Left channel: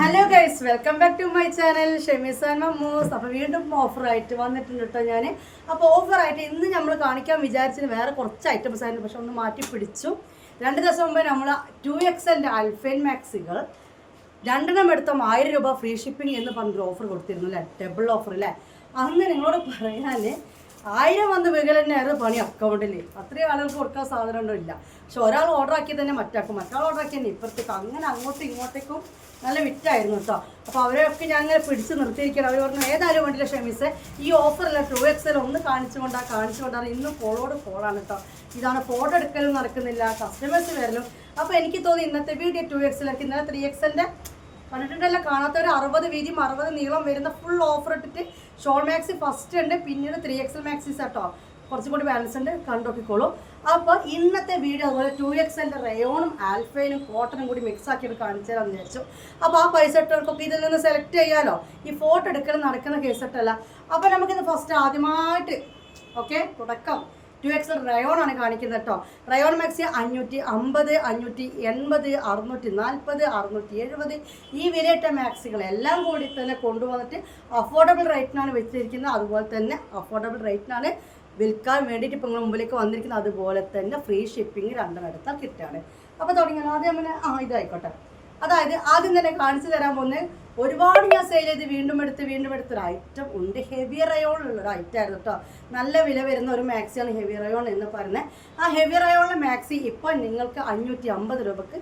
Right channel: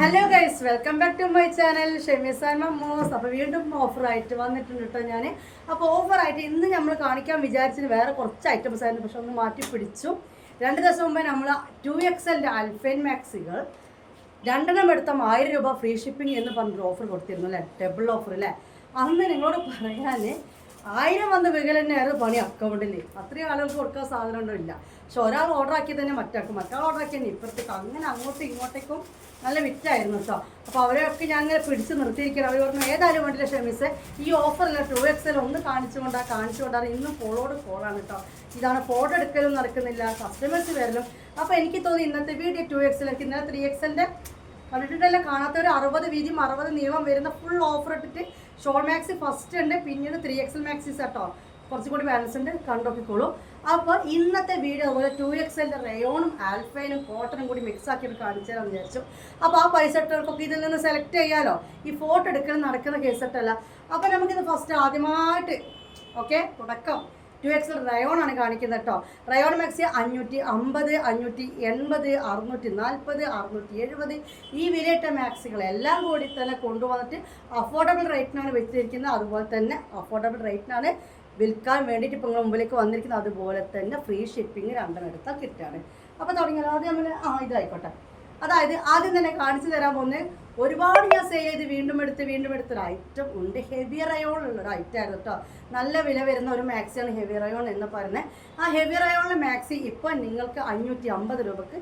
Hello guys, welcome back to my channel Shemees and Mammoos. അപ്പോൾ വീണ്ടും ഓഫറായിട്ട് വന്നിട്ടുണ്ട് കേട്ടോ ഞാൻ. അപ്പോൾ ഓഫറായിട്ട് ഇന്ന് നമ്മൾ കാണിക്കാൻ വിചാരിച്ചത് വേറെ കുറച്ച് ഐറ്റംസ് ആയിരുന്നു, പക്ഷെ ഒന്ന് മാറ്റി പിടിച്ചു. 2 ദിവസം മുമ്പ് നമ്മൾ 2XL അൽഫൈൻ മാക്സികൾ 2 എടുത്താൽ 1000 രൂപ ഫ്രീ ഷിപ്പിംഗ് എന്ന് പറഞ്ഞൊരു ഓഫർ കൊടുത്തിരുന്നു അല്ലേ, ഡബിൾ ഓഫർ അല്ലേ. അന്ന് നിങ്ങളോട് പറയാൻ 1000 വന്ന് വീകൽ തന്നെയായിരുന്നു പണി അക്കൗണ്ടിൽ. അത്രയും ആളുകൾക്ക് കൊടുക്കാൻ സാധനം ഉണ്ടോ ഇല്ല. പക്ഷെ ഒരാൾ ഓർഡർ ആക്കി തന്നെ മറ്റാക്കും, മറ്റാൾ ഓർഡർ ആക്കി തന്നെ ഇപ്പുറത്തേക്ക്, അങ്ങനെ അങ്ങോട്ടും ഇങ്ങോട്ടേക്കും നല്ല വിറ്റായിരുന്നു കേട്ടോ. അപ്പോൾ അവരെയൊക്കെ ഞാൻ പിടിച്ച് നിർത്തിയിരിക്കണം. അവർ പറഞ്ഞു ഏതായാലും വേണ്ടില്ല ഷെമീസ്, ഈ ഓഫറല്ല 2XL ഒന്ന് കാണിച്ചുകൊണ്ടാണ് ഇന്നും ഫോളോട് ഫോളാണ് കേട്ടോ. ഇതാണ് ഫോട്ടോ എടുക്കലും നടക്കുന്നില്ല, കസ്റ്റമേഴ്സ് വരലും. അപ്പോൾ എനിക്ക് തോന്നി ഇന്നത്തെ വീഡിയോ 2XL, എനിക്ക് ഇന്നലെ 3XLൻ്റെ കണ്ടിട്ടുണ്ടല്ലോ, കാണാത്തവർ 60 വീതിയും 60 നീളം വരുന്ന ഫുൾ ഓഫർ ഇട്ടിട്ട് ഷോൾ മാക്സി ഫസ്റ്റ് ഉണ്ട്, പിന്നീട് 3XL മാക്സീസ് കേട്ടോ, കുറച്ചും കൂടി ബാലൻസ് ഉണ്ട്, കണ്ടോക്കിക്കോളൂ. അപ്പോൾ ഇന്നത്തെ വീഡിയോ അതുപോലെ 2XLൻ്റെ റയോണും ആൽഫൈനും കോട്ടനും കൂടി മിക്സ് ആക്കിയിട്ട് കാണിച്ചു തരാമെന്ന് വിചാരിച്ചു. അപ്പോൾ ആ പൈസ ഇട്ടവർക്കൊക്കെ ഇതിൽ നിന്ന് സെലക്ട് ചെയ്യാമല്ലോ. ഈ ഫോട്ടോ എടുക്കണം നടക്കുന്ന കേസിട്ടല്ല. അപ്പോൾ നമുക്കിത് ഫസ്റ്റ് ആദ്യമായിട്ട് തുടക്കം 2XL റയോൺ ആണ് കാണിക്കുന്നത് കേട്ടോ. റയോൺ മാക്സി 550, 580, 640, 670 ഈ വിലയിട്ട മാക്സികളെല്ലാം കൂടി തന്നെ കൊണ്ടുവന്നിട്ട് അഫോർഡബിൾ റേറ്റിനാണ് വെച്ചിരിക്കുന്നത്. അതുപോലെ തന്നെ അഫോർഡബിൾ റേറ്റിനാണ് വിൽക്കാൻ വേണ്ടിയിട്ട് ഇപ്പോൾ നിങ്ങൾ മുമ്പിലേക്ക് വന്നിരിക്കുന്നത്. അതുപോലെ തന്നെ ഫ്രീ ഷിപ്പിംഗ് 2 എടുത്താൽ കിട്ടുകയാണ്. അപ്പോൾ തുടങ്ങിയാൽ ആദ്യം അങ്ങനെ ഇതായിക്കോട്ടെ. അതായത് ആദ്യം തന്നെ കാണിച്ചു തരാൻ പോകുന്നത് ഒരുപാട് ഞാൻ സെയിൽ ചെയ്ത് വീണ്ടും എടുത്തൊരു ഐറ്റം ഉണ്ട്. ഹെവി റയോൺ ഉള്ളൊരു ഐറ്റം ആയിരുന്നു കേട്ടോ. നല്ല വില വരുന്ന ഒരു മാക്സിയാണ് ഹെവി റയോൺ എന്ന് പറഞ്ഞത്. ആ ഹെവി റയോണിൻ്റെ മാക്സി ഇപ്പോൾ നിങ്ങൾക്ക് 550 രൂപക്ക്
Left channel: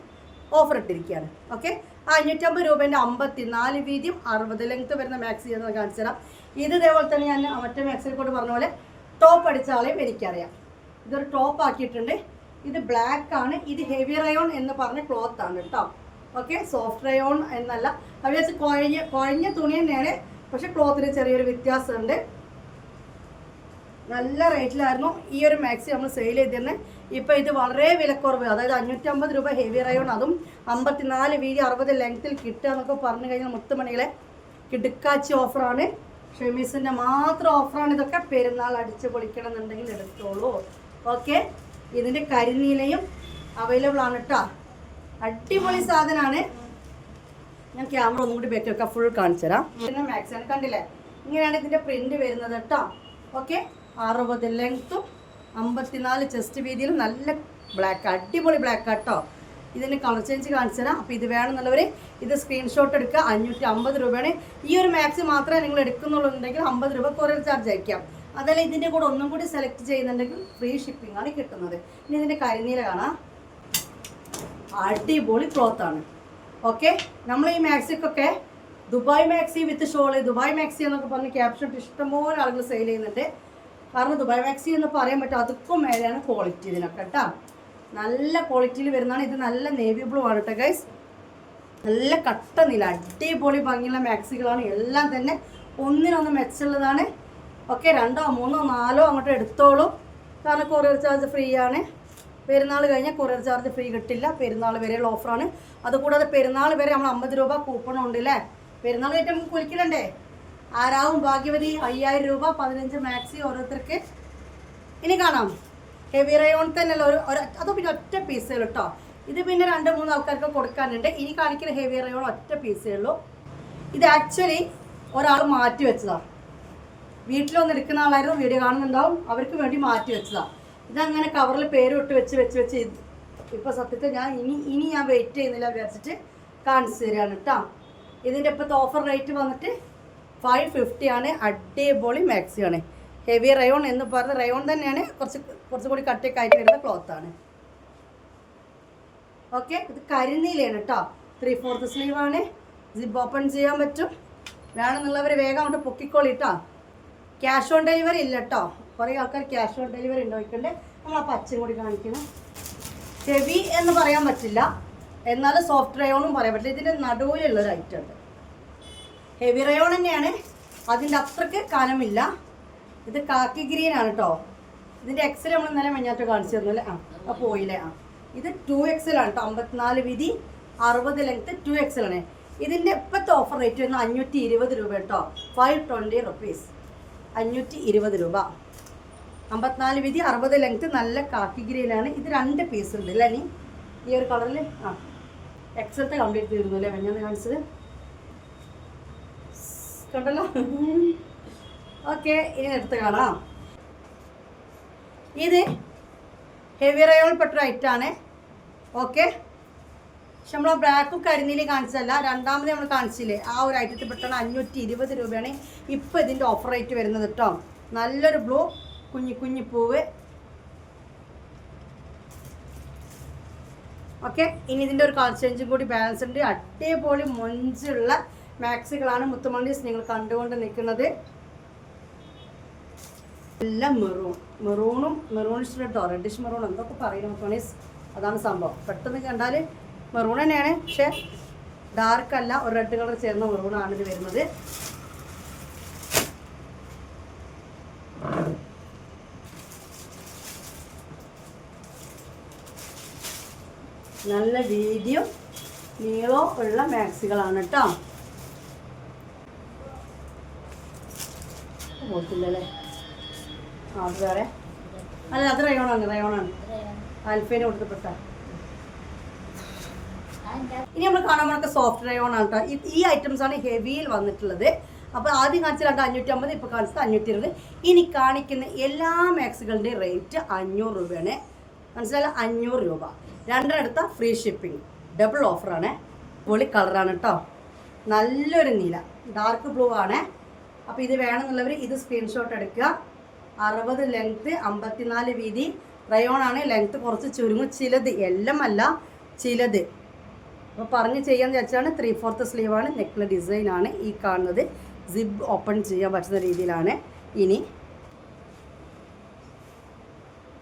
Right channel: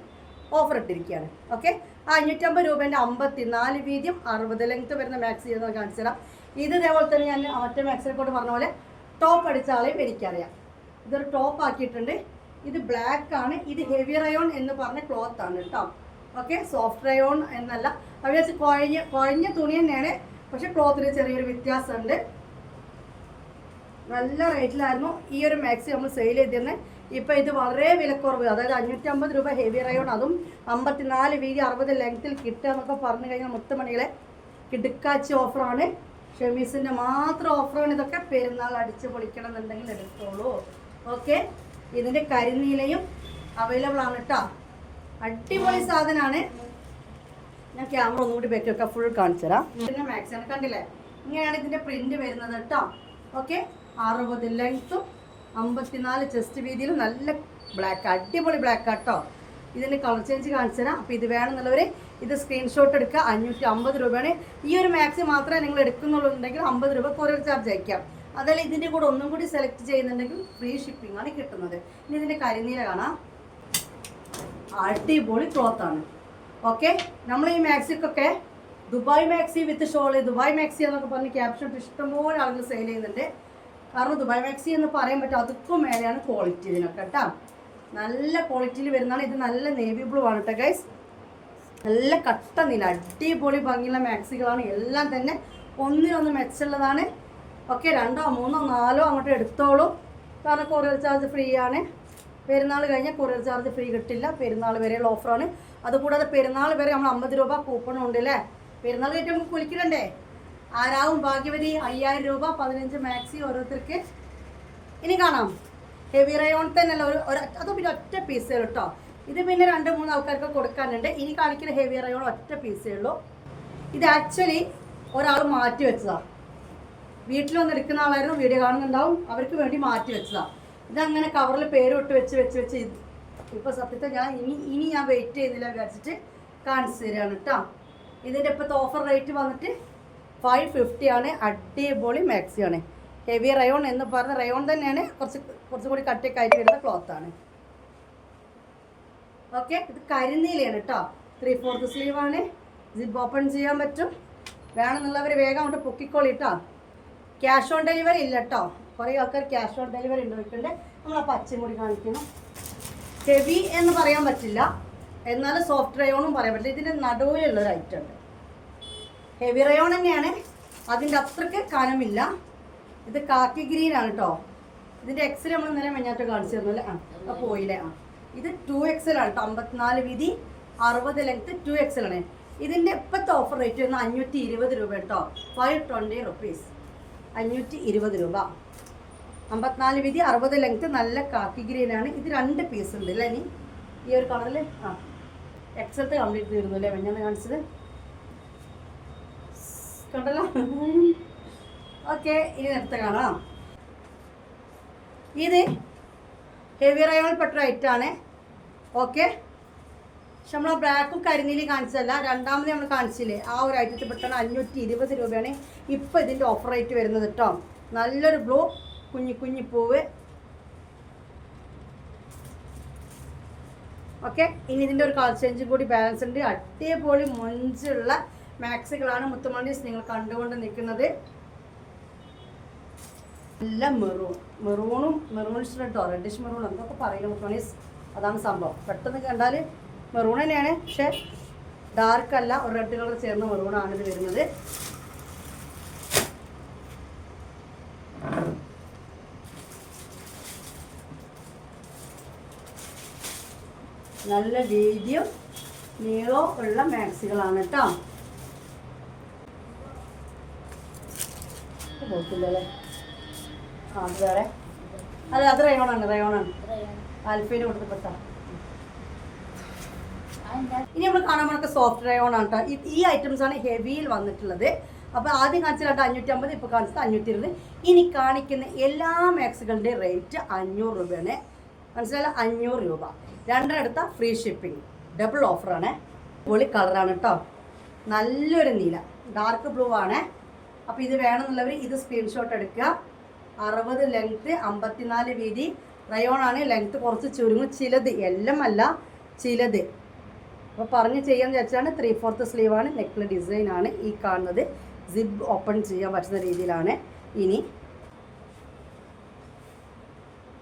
ഓഫർ ഇട്ടിരിക്കുകയാണ്. ഓക്കെ, ആ 550 രൂപേൻ്റെ 54 വീതിയും 60 ലെങ്ത്ത് വരുന്ന മാക്സി എന്ന് കാണിച്ചു തരാം. ഇത് ഇതേപോലെ തന്നെ ഞാൻ മറ്റേ മാക്സിനെ കൊണ്ട് പറഞ്ഞ പോലെ ടോപ്പ് അടിച്ച ആളെയും എനിക്കറിയാം. ഇതൊരു ടോപ്പ് ആക്കിയിട്ടുണ്ട്. ഇത് ബ്ലാക്ക് ആണ്. ഇത് ഹെവി റയോൺ എന്ന് പറഞ്ഞ ക്ലോത്ത് ആണ് കേട്ടോ. ഓക്കെ, സോഫ്റ്റ് റയോൺ എന്നല്ല, അവർ കുഴഞ്ഞ തുണി തന്നെയാണ്, പക്ഷെ ക്ലോത്തിന് ചെറിയൊരു വ്യത്യാസമുണ്ട്. നല്ല റേറ്റിലായിരുന്നു ഈ ഒരു മാക്സി നമ്മൾ സെയിൽ ചെയ്തിരുന്നത്. ഇപ്പോൾ ഇത് വളരെ വിലക്കുറവ്, അതായത് 550 രൂപ ഹെവി റയോൺ, അതും 54 വീതി 60 ലെങ്ത്തിൽ കിട്ടുക എന്നൊക്കെ പറഞ്ഞു കഴിഞ്ഞാൽ മുത്തുമണികളെ കിടുക്കാച്ചി ഓഫറാണ്. ഷെമീസിൻ്റെ മാത്രം ഓഫറാണ് ഇതൊക്കെ. പെരുന്നാൾ അടിച്ച് പൊളിക്കണം എന്നുണ്ടെങ്കിൽ എടുത്തോളൂ. ഓക്കെ, ഇതിൻ്റെ കരിനീലയും അവൈലബിൾ ആണ് കേട്ടോ. അടിപൊളി സാധനമാണ്. ഞാൻ ക്യാമറ ഒന്നും കൂടി ബാക്ക് വെക്കാം, ഫുൾ കാണിച്ചു തരാം. പിന്നെ മാക്സിമം കണ്ടില്ലേ, ഇങ്ങനെയാണ് ഇതിൻ്റെ പ്രിൻ്റ് വരുന്നത് കേട്ടോ. ഓക്കെ, 60 ലെങ്ത്തും 54 ചെസ്റ്റ് വീതിയിലും നല്ല ബ്ലാക്ക്, അടിപൊളി ബ്ലാക്ക് കേട്ടോ. ഇതിൻ്റെ കളർ ചേഞ്ച് കാണിച്ചു തരാം. അപ്പോൾ ഇത് വേണമെന്നുള്ളവർ ഇത് സ്ക്രീൻഷോട്ട് എടുക്കുക. 550 രൂപയാണ്. ഈ ഒരു മാക്സി മാത്രമേ നിങ്ങൾ എടുക്കുന്നുള്ളുണ്ടെങ്കിൽ 50 രൂപ കൊറിയർ ചാർജ് അയക്കാം. അതല്ല ഇതിൻ്റെ കൂടെ ഒന്നും കൂടി സെലക്ട് ചെയ്യുന്നുണ്ടെങ്കിൽ ഫ്രീ ഷിപ്പിംഗ് ആണ് കിട്ടുന്നത്. ഇനി ഇതിൻ്റെ കരിനീല കാണാം, അടിപൊളി ക്ലോത്താണ്. ഓക്കെ, നമ്മൾ ഈ മാക്സിക്കൊക്കെ Dubai maxi with shawl, Dubai maxi എന്നൊക്കെ പറഞ്ഞ് ക്യാപ്ഷൻ ഇഷ്ടംപോലെ ആളുകൾ സെയിൽ ചെയ്യുന്നുണ്ട്. കാരണം ദുബായ് മാക്സി എന്ന് പറയാൻ പറ്റും, അതുക്കും മേലെയാണ് ക്വാളിറ്റി ഇതിനൊക്കെ കേട്ടോ. നല്ല ക്വാളിറ്റിയിൽ വരുന്നതാണ്. ഇത് നല്ല നേവി ബ്ലൂ ആണ് കേട്ടോ ഗൈസ്. നല്ല കട്ട നില, അടിപൊളി ഭംഗിയുള്ള മാക്സികളാണ്. എല്ലാം തന്നെ ഒന്നിനൊന്ന് മെച്ചമുള്ളതാണ്. ഓക്കെ, 2, 3, 4 അങ്ങോട്ട് എടുത്തോളൂ. കാരണം കൊറിയർ ചാർജ് ഫ്രീ ആണ്. പെരുന്നാൾ കഴിഞ്ഞാൽ കൊറിയർ ചാർജ് ഫ്രീ കിട്ടില്ല. പെരുന്നാൾ വരെയുള്ള ഓഫറാണ്. അതുകൂടാതെ പെരുന്നാൾ വരെ നമ്മൾ 50 രൂപ കൂപ്പൺ ഉണ്ട് അല്ലേ. പെരുന്നാൾ കഴിഞ്ഞിട്ട് നമുക്ക് കുളിക്കണ്ടേ. ആരാവും ഭാഗ്യവതി 5000 രൂപ 15 മാക്സി ഓരോരുത്തർക്ക്. ഇനി കാണാം ഹെവി റയോൺ തന്നെയല്ല, അതോ പിന്നെ ഒറ്റ പീസേ ഉള്ളൂ കേട്ടോ. ഇത് പിന്നെ 2-3 ആൾക്കാർക്ക് കൊടുക്കാനുണ്ട്. ഇനി കാണിക്കുന്ന ഹെവി റയോൺ ഒറ്റ പീസേ ഉള്ളൂ. ഇത് ആക്ച്വലി ഒരാൾ മാറ്റി വെച്ചതാണ്. വീട്ടിലൊന്നും എടുക്കുന്ന ആളായിരുന്നു, വീഡിയോ കാണുന്നുണ്ടാവും, അവർക്ക് വേണ്ടി മാറ്റി വെച്ചതാണ്. ഇതങ്ങനെ കവറിൽ പേര് ഇട്ട് വെച്ച് ഇപ്പോൾ സത്യത്തിൽ ഞാൻ ഇനി ഞാൻ വെയിറ്റ് ചെയ്യുന്നില്ല വിചാരിച്ചിട്ട് കാണിച്ചു തരികയാണ് കേട്ടോ. ഇതിൻ്റെ ഇപ്പോഴത്തെ ഓഫർ റേറ്റ് വന്നിട്ട് 550 ആണ്. അടിപൊളി മാക്സിയാണ്. ഹെവി റയോൺ എന്ന് പറഞ്ഞ റയോൺ തന്നെയാണ്, കുറച്ചുകൂടി കട്ടിയൊക്കെ ആയിട്ട് വരുന്ന ക്ലോത്താണ്. ഓക്കെ, ഇത് കരിനീലയാണ് കേട്ടോ. 3/4 സ്ലീവാണ്. ജിപ്പ് ഓപ്പൺ ചെയ്യാൻ പറ്റും. വേണമെന്നുള്ളവർ വേഗം അങ്ങോട്ട് പൊക്കിക്കോളി കേട്ടോ. ക്യാഷ് ഓൺ ഡെലിവറി ഇല്ല കേട്ടോ. കുറേ ആൾക്കാർ ക്യാഷ് ഓൺ ഡെലിവറി ഉണ്ടോയിക്കണ്ടേ. നമ്മൾ ആ പച്ചയും കൂടി കാണിക്കണം. ഹെവി എന്ന് പറയാൻ പറ്റില്ല, എന്നാലും സോഫ്റ്റ് റയോണും പറയാൻ പറ്റില്ല. ഇതിൻ്റെ നടുവിലുള്ളൊരു ഐറ്റം ഉണ്ട്. ഹെവി റയോൺ തന്നെയാണ്, അതിൻ്റെ അത്രയ്ക്ക് കനമില്ല. ഇത് കാക്കി ഗ്രീൻ ആണ് കേട്ടോ. ഇതിൻ്റെ എക്സൽ നമ്മൾ ഇന്നലെ മഞ്ഞാറ്റ് കാണിച്ചു തരുന്നില്ലേ. പോയില്ലേ. ഇത് 2XL ആണ് കേട്ടോ. 54 വീതി 60 ലെങ്ത്ത് 2XL ആണ്. ഇതിൻ്റെ ഇപ്പോഴത്തെ ഓഫർ റേറ്റ് വരുന്നത് 520 രൂപ കേട്ടോ. 520 റുപ്പീസ്, 520 രൂപ. 54 വീതി 60 ലെങ്ത്ത്, നല്ല കാക്കി ഗ്രീനാണ്. ഇത് 2 പീസ് ഉണ്ട് അല്ലേ. ഇനി ഈ ഒരു കളറിൽ എക്സലത്തെ കംപ്ലീറ്റ് തീർന്നു അല്ലേ, ഞാൻ കാണിച്ചത്. കണ്ടല്ലോ. ഓക്കെ, ഇനി എടുത്ത് കാണാം. ഇത് ഹെവി റയോൺ പെട്ട ഐറ്റാണ്. ഓക്കെ, പക്ഷെ നമ്മൾ ബ്ലാക്കും കരിനീലയും കാണിച്ചതല്ല, രണ്ടാമത് നമ്മൾ കാണിച്ചില്ലേ ആ ഒരു ഐറ്റത്തിൽ പെട്ടാണ് 520 രൂപയാണ് ഇപ്പോൾ ഇതിൻ്റെ ഓഫർ റേറ്റ് വരുന്നത് കേട്ടോ. നല്ലൊരു ബ്ലൂ കുഞ്ഞി പൂവ്. ഓക്കെ, ഇനി ഇതിൻ്റെ ഒരു കളർ ചേഞ്ചും കൂടി ബാലൻസ് ഉണ്ട്. അടിപൊളി മൊഞ്ചുള്ള മാക്സികളാണ് മുത്തുമണീസ് നിങ്ങൾ കണ്ടുകൊണ്ട് നിൽക്കുന്നത്. എല്ലാം മെറൂണിഷ് റെഡോ റെഡിഷ് മെറൂൺ എന്തൊക്കെ പറയുന്നു മുത്തുമണീസ്, അതാണ് സംഭവം. പെട്ടെന്ന് കണ്ടാൽ മെറൂൺ തന്നെയാണ്, പക്ഷേ ഡാർക്ക് അല്ല, ഒരു റെഡ് കളർ ചേർന്ന മെറൂണാണ് ഇത് വരുന്നത്. നല്ല വീതിയും നീളവും ഉള്ള മാക്സികളാണ് കേട്ടോ. പോയിട്ടില്ലല്ലേ? അത് വേറെ അല്ല, അത് റയോണാണ് ആൽഫേന് കൊടുത്തപ്പെട്ട. ഇനി നമ്മൾ കാണാൻ പോണൊക്കെ സോഫ്റ്റ് റയോണാണ് കേട്ടോ. ഈ ഐറ്റംസ് ആണ് ഹെവിയിൽ വന്നിട്ടുള്ളത്. അപ്പോൾ ആദ്യം കാണിച്ചത് 550, ഇപ്പോൾ കാണിച്ചത് 520. ഇനി കാണിക്കുന്ന എല്ലാ മാക്സികളുടെ റേറ്റ് 500 രൂപയാണ്. മനസ്സിലായാലും 500 രൂപ. രണ്ടെടുത്ത ഫ്രീ ഷിപ്പിംഗ്, ഡബിൾ ഓഫറാണ്. പൊളി കളറാണ് കേട്ടോ, നല്ലൊരു നീല ഡാർക്ക് ബ്ലൂ ആണ്. അപ്പോൾ ഇത് വേണമെന്നുള്ളവർ ഇത് സ്ക്രീൻഷോട്ട് എടുക്കുക. 60 ലെങ്ത്ത്, 54 വീതി. റയോണാണ്, ലെങ്ത്ത് കുറച്ച് ചുരുങ്ങും, ചിലത് എല്ലാം അല്ല, ചിലത്. അപ്പോൾ പറഞ്ഞ് ചെയ്യാന്ന് വെച്ചാണ്. 3/4 സ്ലീവാണ്, നെക്കിലെ ഡിസൈനാണ് ഈ കാണുന്നത്. സിബ് ഓപ്പൺ ചെയ്യാൻ പറ്റുന്ന രീതിയിലാണ്. ഇനി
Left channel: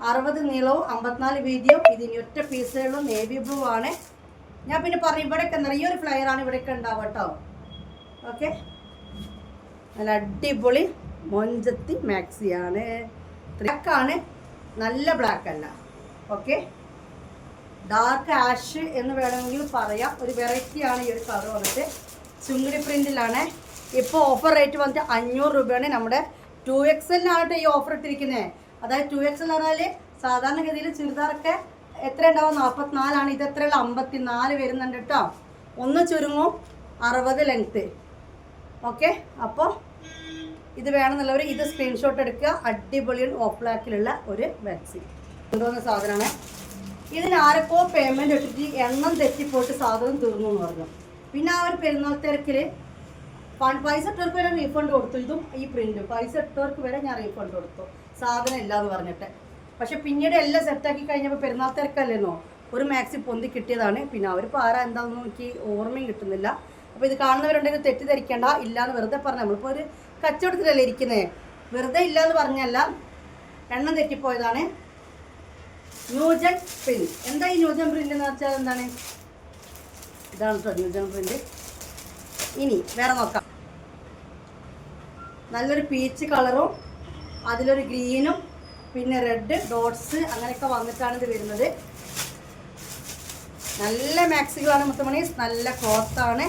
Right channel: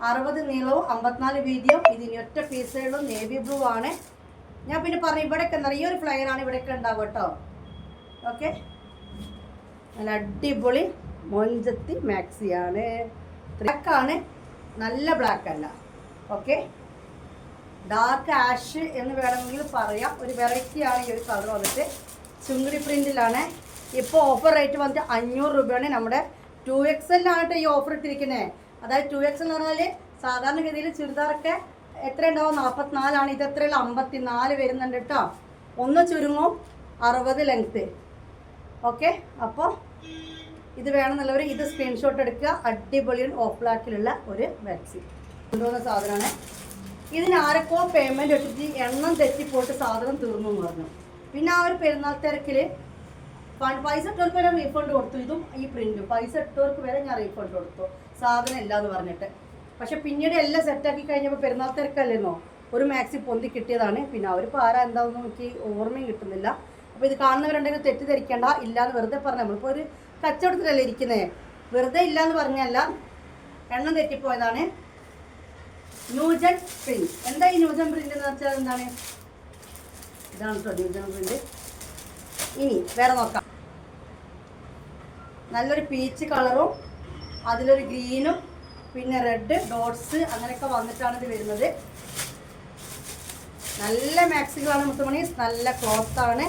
60 നീളവും 54 വീതിയും. ഇതിന് ഒറ്റ പീസുകളും നേവി ബ്ലൂ ആണ്. ഞാൻ പിന്നെ പറഞ്ഞു ഇവിടെയൊക്കെ എന്താ, ഈ ഒരു ഫ്ലയറാണ് ഇവിടെയൊക്കെ ഉണ്ടാവുക കേട്ടോ. ഓക്കെ, നല്ല അടിപൊളി മൊഞ്ചത്തി മാക്സിയാണ്. ബ്ലാക്കാണ്, നല്ല ബ്ലാക്ക് അല്ല. ഓക്കെ, ഡാർക്ക് ആഷ് എന്ന് വേണമെങ്കിൽ പറയാം. ഒരു വെറൈറ്റിയാണ് ഈ ഒരു കളർ വന്നിട്ട്. ചുങ്ങടി പ്രിൻറ്റിലാണ്. ഇപ്പോൾ ഓഫർ റേറ്റ് വന്നിട്ട് 500 രൂപയാണ്. നമ്മുടെ 2XL ആയിട്ട് ഈ ഓഫർ ഇട്ടിരിക്കുന്നത്. അതായത് 2XL എന്ന് പറഞ്ഞാൽ സാധാരണഗതിയിൽ ചുരിദാറൊക്കെ എത്ര ഉണ്ടാവും, 44ആണ്. ഇത് എത്രയുള്ള 54 വരുന്നുണ്ട് കേട്ടോ. ഒന്ന് ചുരുങ്ങും, 60 ലെങ്ത്ത്. ഓക്കെ, അപ്പോൾ ഇത് വേണമെന്നുള്ളവർ ഇത് സ്ക്രീൻഷോട്ട് എടുക്കുക. അടിപൊളി ഓഫ് ബ്ലാക്കിലുള്ള ഒരു മാക്സി കൊണ്ടുവന്ന സാധനമാണ്. ഇതിന് ആരൊക്കെ പേയ്മെൻറ്റ് ഇട്ടിട്ട് എണ്ണം തെറ്റിപ്പോയിട്ട് സാധനം തീർന്നു എന്ന് പറഞ്ഞു. പിന്നെ ആ ഒരു പെരുന്നാൾ തിരക്കിൽ പൈസ ഇട്ടവർക്ക് വരെ റീഫണ്ട് കൊടുത്തു. ഇതും ഈ പ്രിൻറ്റും പൈസ ഇട്ടവർക്ക് വരെ ഞാൻ റീഫണ്ട് കൊടുത്തു, സാധനം ഇല്ലാന്ന് പറഞ്ഞിട്ട്. പക്ഷെ പിന്നീട് എല്ലാം സെറ്റാക്കി കഴിഞ്ഞപ്പോൾ പെരുന്നാൾ തിരക്കല്ലെന്നോ ഒരു മാക്സി പൊന്തി കിട്ടിയതാണ്. പിന്നെ അവരിപ്പോൾ ആരാ എന്താണെന്ന് എനിക്ക് ഓർമ്മയും കിട്ടുന്നില്ല. അപ്പോൾ ഇത് കാണുന്നവരുണ്ടെങ്കിൽ തെറ്റിദ്ധരിക്കേണ്ട, ഇല്ലയെന്ന് വെറുതെ പറഞ്ഞു. നമ്മളിപ്പോൾ ഒരു കച്ചവടത്തിലല്ലേ ഇരിക്കുന്നത്, വെറുതെ ഇല്ലയെന്ന് പറഞ്ഞല്ല, എണ്ണം തെറ്റിപ്പോയതാണ്. New gen print. എന്താ ഈ ന്യൂജൻ പ്രിന്റ് എന്ന് വെച്ചാൽ എന്താണ്? ഇതാണ് കേട്ടോ ന്യൂജൻ പ്രിന്റ്. ഇനി വേറെ നോക്കാം. നല്ലൊരു പീച്ച് കളറും അതിലൊരു ഗ്രീനും പിന്നെ റെഡ് ഡോട്ട്സ് അങ്ങനെയൊക്കെ വന്നിട്ടാണ് ഇത് വരുന്നത്. നല്ല മാക്സികളാണ് മുത്തുമണീസ്, നല്ല ക്ലോത്താണ്.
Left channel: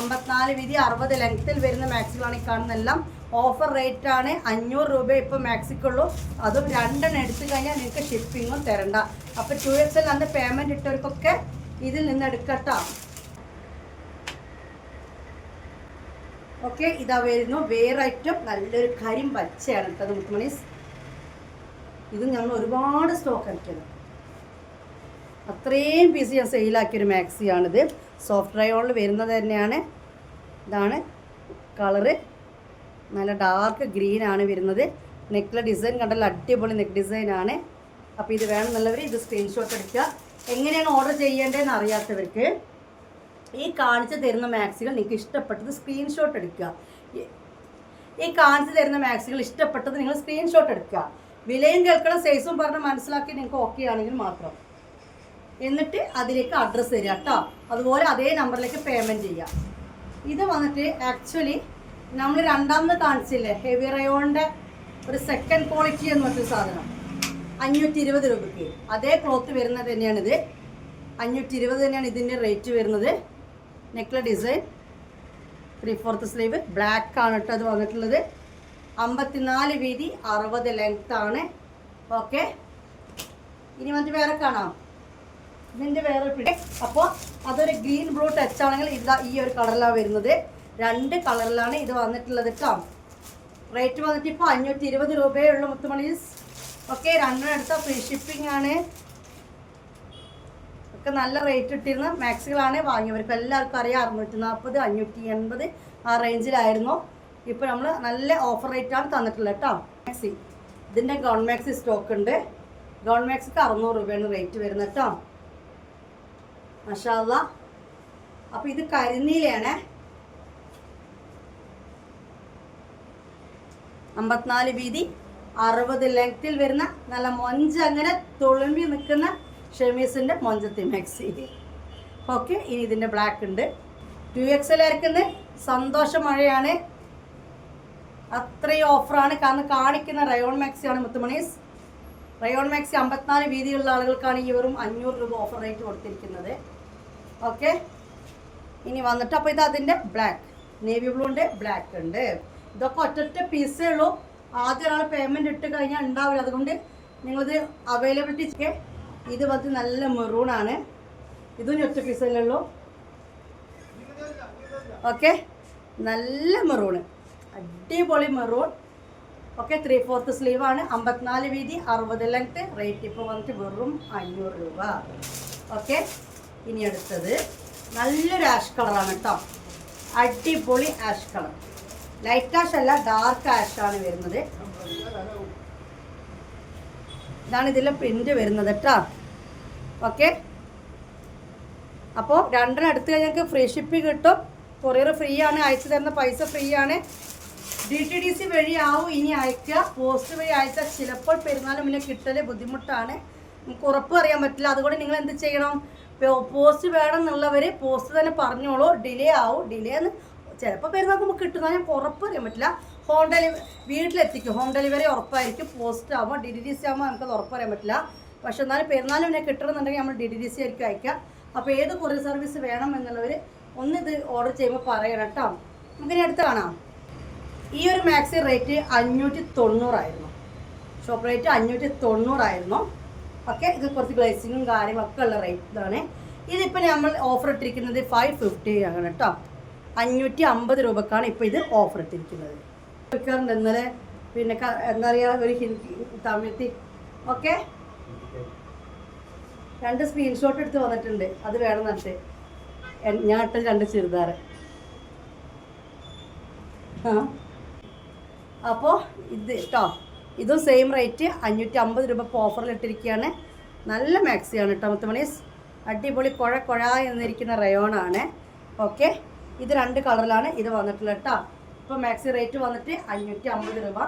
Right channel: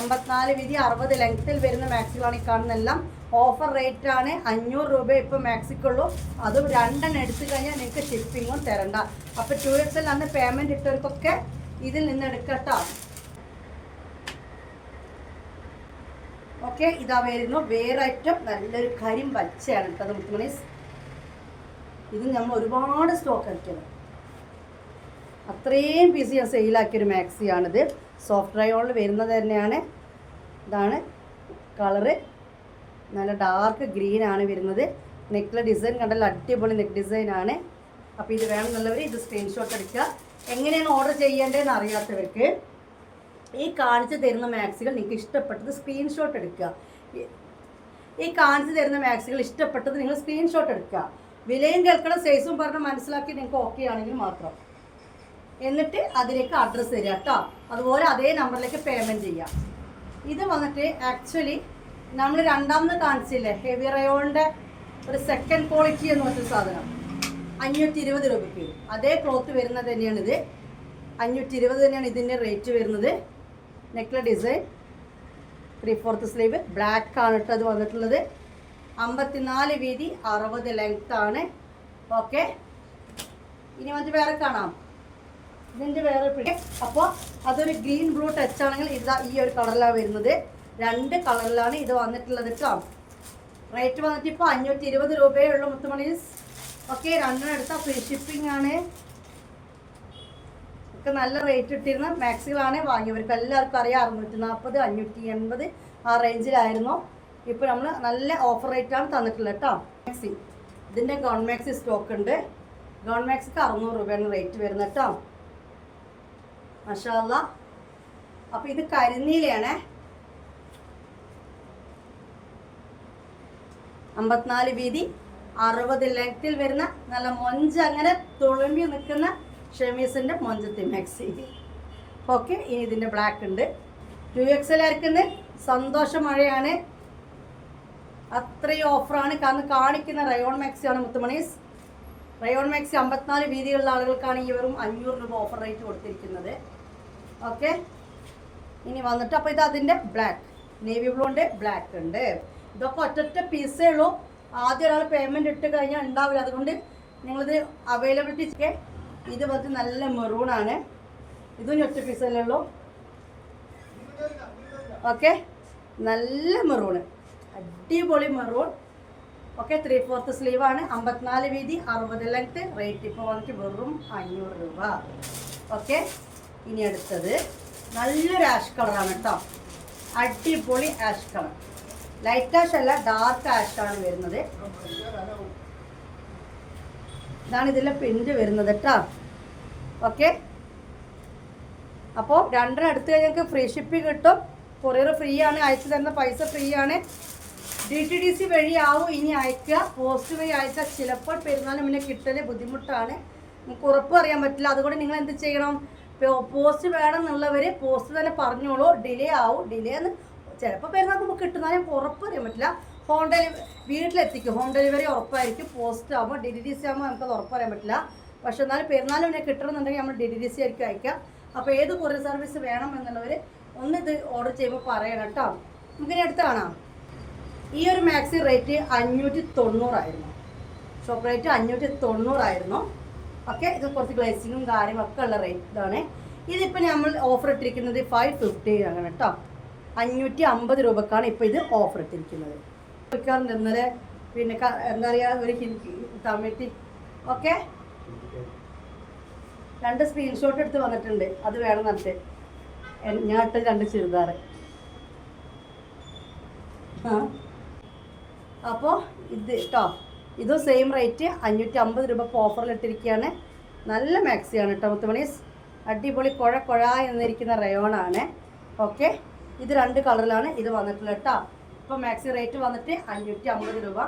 54 വീതി, 60 ലെങ്ത്തിൽ വരുന്ന മാക്സികളാണ് ഈ കാണുന്നതെല്ലാം. ഓഫർ റേറ്റാണ് 500 രൂപ ഇപ്പോൾ മാക്സിക്കുള്ളൂ. അതും 2 എണ്ണം എടുത്തു കഴിഞ്ഞാൽ നിങ്ങൾക്ക് ഷിപ്പിങ്ങും തരണ്ട. അപ്പോൾ 2XL അന്ന് പേയ്മെൻറ്റ് ഇട്ടവർക്കൊക്കെ ഇതിൽ നിന്ന് എടുക്കട്ടോ. ഓക്കെ, ഇതാ വരുന്നു വേറെ ഐറ്റം. നല്ലൊരു കരിമ്പച്ചയാണ് കേട്ടത് മുത്തുമണീസ്. ഇത് ഞങ്ങൾ ഒരുപാട് സ്റ്റോക്ക് അടിക്കണം, അത്രയും പീസ് ഞാൻ സെയിലാക്കിയൊരു മാക്സിയാണിത്. സോഫ്റ്റ് റയോണിൽ വരുന്നത് തന്നെയാണ്. ഇതാണ് കളറ്, നല്ല ഡാർക്ക് ഗ്രീനാണ് വരുന്നത്. നെക്കിലെ ഡിസൈൻ കണ്ടല്ലോ, അടിപൊളി നെക്ക് ഡിസൈനാണ്. അപ്പോൾ ഇത് വേണമെന്നുള്ളവർ ഇത് സ്ക്രീൻഷോട്ട് എടുക്കുക. എങ്ങനെയാണ് ഓർഡർ ചെയ്യേണ്ടതെന്ന് അറിയാത്തവർക്ക് ഈ കാണിച്ച് തരുന്ന മാക്സികൾ നിങ്ങൾക്ക് ഇഷ്ടപ്പെട്ടത് സ്ക്രീൻഷോട്ട് എടുക്കുക. ഈ കാണിച്ച് തരുന്ന മാക്സികൾ ഇഷ്ടപ്പെട്ടത് നിങ്ങൾ സ്ക്രീൻഷോട്ട് എടുക്കുക. വിലയും കേൾക്കണം, സൈസും പറഞ്ഞ് മനസ്സിലാക്കി നിങ്ങൾക്ക് ഓക്കെ ആണെങ്കിൽ മാത്രം. എന്നിട്ട് അതിലേക്ക് അഡ്രസ്സ് തരിക കേട്ടോ. അതുപോലെ അതേ നമ്പറിലേക്ക് പേയ്മെൻറ്റ് ചെയ്യാം. ഇത് വന്നിട്ട് ആക്ച്വലി നമ്മൾ രണ്ടാമത് കാണിച്ചില്ലേ ഹെവി റയോണിൻ്റെ ഒരു സെക്കൻഡ് ക്വാളിറ്റി എന്ന് പറഞ്ഞൊരു സാധനം 520 രൂപയ്ക്ക്. അതേ ക്ലോത്ത് വരുന്നത് തന്നെയാണിത്. 520 തന്നെയാണ് ഇതിൻ്റെ റേറ്റ് വരുന്നത്. നെക്കിലെ ഡിസൈൻ 3/4 സ്ലീവ് ബ്ലാക്ക് ആണ് കേട്ടോ അത് വന്നിട്ടുള്ളത്. 54 വീതി, 60 ലെങ്ത് ആണ്. ഓക്കെ, ഇനി വന്നിട്ട് വേറെ കാണാം. ഇതിൻ്റെ വേറെ പിടി. അപ്പോൾ അതൊരു ഗ്രീൻ ബ്ലൂ ടച്ച് ആണെങ്കിൽ ഇതാ ഈ ഒരു കളറിലാണ് വരുന്നത്. 2 കളറിലാണ് ഇത് വന്നിട്ടുള്ളത് കേട്ടോ. റേറ്റ് വന്നിട്ട് ഇപ്പോൾ 520 രൂപയേ ഉള്ളൂ മുത്തുമണീസ്. ഓക്കെ, 2 എടുത്ത ഫ്രീ ഷിപ്പിംഗ് ആണ്. ഒക്കെ നല്ല റേറ്റ് ഇട്ടിരുന്ന മാക്സികളാണ് വാങ്ങിയവർക്ക് എല്ലാവർക്കും അറിയാം. 640, 580 ആ റേഞ്ചിലായിരുന്നു. ഇപ്പോൾ നമ്മൾ നല്ല ഓഫർ റേറ്റാണ് തന്നിട്ടുള്ളത് കേട്ടോ. മാക്സി ഇതിൻ്റെ ഗൗൺ മാക്സി സ്റ്റോക്ക് ഉണ്ട്. ഗൗൺ മാക്സിക്ക് 600 രൂപയാണ് റേറ്റ് വരുന്നത് കേട്ടോ. മാഷാ അല്ലാ. അപ്പോൾ ഇത് കരിനീലയാണ്. 54 വീതി, 60 ലെങ്ത്തിൽ വരുന്ന നല്ല മൊഞ്ച് അങ്ങനെ തുളുമ്പി നിൽക്കുന്ന ഷെമീസിൻ്റെ മൊഞ്ചത്തി മാക്സി. ഓക്കെ, ഇനി ഇതിൻ്റെ ബ്ലാക്ക് ഉണ്ട്. 2XL ആയിരിക്കുന്നത് സന്തോഷ മഴയാണ്. അത്രയും ഓഫറാണ്. കാരണം കാണിക്കുന്ന റയോൺ മാക്സിയാണ് മുത്തുമണീസ്. റയോൺ മാക്സി 54 വീതിയുള്ള ആളുകൾക്കാണ് ഈ വെറും 500 രൂപ ഓഫർ റേറ്റ് കൊടുത്തിരിക്കുന്നത്. ഓക്കെ, ഇനി വന്നിട്ട് അപ്പോൾ ഇത് അതിൻ്റെ ബ്ലാക്ക്, നേവി ബ്ലൂൻ്റെ ബ്ലാക്ക് ഉണ്ട്. ഇതൊക്കെ ഒറ്റ പീസേ ഉള്ളൂ. ആദ്യം ഒരാൾ പേയ്മെൻറ്റ് ഇട്ട് കഴിഞ്ഞാൽ ഉണ്ടാവില്ല. അതുകൊണ്ട് നിങ്ങളിത് അവൈലബിലിറ്റി. ഇത് വന്നിട്ട് നല്ല മെറൂണാണ്. ഇതും ഒറ്റ പീസല്ലേ ഉള്ളൂ. ഓക്കെ, നല്ല മെറൂണ്, അടിപൊളി മെറൂൺ. ഓക്കെ, 3/4 സ്ലീവാണ്. 54 വീതി, 60 ലെങ്ത്ത്. റേറ്റ് ഇപ്പോൾ വന്നിട്ട് വെറും 500 രൂപ. ഓക്കെ, ഇനി അടുത്തത് നല്ലൊരു ആഷ് കളറാണ് കേട്ടോ. അടിപൊളി ആഷ് കളർ. ലൈറ്റ് ആഷ് അല്ല, ഡാർക്ക് ആഷ് ആണ് വരുന്നത്. ഇതാണ് ഇതിലെ പ്രിന്റ് വരുന്നത് കേട്ടോ. ഓക്കെ, അപ്പോൾ 2 എടുത്തു കഴിഞ്ഞാൽ ഫ്രീ ഷിപ്പിംഗ് കിട്ടും. കൊറിയർ ഫ്രീ ആണ്. അയച്ചു തരുന്ന പൈസ ഫ്രീ ആണ്. DTDC വഴി ആവും ഇനി അയക്കുക. പോസ്റ്റ് വഴി അയച്ചാൽ ചിലപ്പോൾ പെരുന്നാളിന് മുന്നേ കിട്ടൽ ബുദ്ധിമുട്ടാണ്. നമുക്ക് ഉറപ്പ് അറിയാൻ പറ്റില്ല. അതുകൊണ്ട് നിങ്ങൾ എന്ത് ചെയ്യണം, പോസ്റ്റ് വേണം എന്നുള്ളവർ പോസ്റ്റ് തന്നെ പറഞ്ഞോളൂ. ഡിലേ ആവും. ഡിലേ എന്ന് ചിലപ്പോൾ പെരുന്നാൾക്ക് നമുക്ക് കിട്ടുന്നതിന് ഉറപ്പ് അറിയാൻ പറ്റില്ല. ഹോം ഡെലിവറി വീട്ടിലെത്തിക്കും. ഹോം ഡെലിവറി ഉറപ്പായിരിക്കും. പോസ്റ്റ് ആകുമ്പോൾ DTDC ആകുമ്പോൾ നമുക്കത് ഉറപ്പറിയാൻ പറ്റില്ല. പക്ഷെ എന്നാലും പെരുന്നാളിന് മുന്നേ കിട്ടണമെന്നുണ്ടെങ്കിൽ നമ്മൾ DTDC ആയിരിക്കും അയക്കാം. അപ്പോൾ ഏത് കൊറിയർ സർവീസ് വേണം എന്നുള്ളവർ ഒന്ന് ഇത് ഓർഡർ ചെയ്യുമ്പോൾ പറയണം കേട്ടോ. നമുക്കിനി അടുത്ത് കാണാം. ഈ ഒരു മാക്സി റേറ്റ് 590 ആയിരുന്നു. ഷോപ്പ് റേറ്റ് 590 ആയിരുന്നു. ഓക്കെ, ഇത് കുറച്ച് ഗ്ലേസിങ്ങും കാര്യങ്ങളൊക്കെ ഉള്ള റേറ്റ് ഇതാണ്. ഇതിപ്പോൾ നമ്മൾ ഓഫർ ഇട്ടിരിക്കുന്നത് 550 ആണ് കേട്ടോ. 550 രൂപക്കാണ് ഇപ്പോൾ ഇത് ഓഫർ ഇട്ടിരിക്കുന്നത്. വിൽക്കാറുണ്ട് ഇന്നലെ. പിന്നെ എന്താ പറയുക, ഒരു തമിഴ്. ഓക്കെ, 2 സ്ക്രീൻഷോട്ട് എടുത്ത് വന്നിട്ടുണ്ട്. അത് വേണം എന്നിട്ട് ഞാൻ ഇട്ട 2 ചുരിദാർ. അപ്പോൾ ഇത് കേട്ടോ, ഇതും സെയിം റേറ്റ് 550 രൂപ ഓഫറിൽ ഇട്ടിരിക്കുകയാണ്. നല്ല മാക്സിയാണ് കേട്ടോ മുത്തുമണീസ്. അടിപൊളി കുഴ എന്നിരിക്കുന്ന റയോണാണ്. ഓക്കെ, ഇത് 2 കളറിലാണ് ഇത് വന്നിട്ടുള്ളത് കേട്ടോ. ഇപ്പോൾ മാക്സി റേറ്റ് വന്നിട്ട് 550 രൂപ.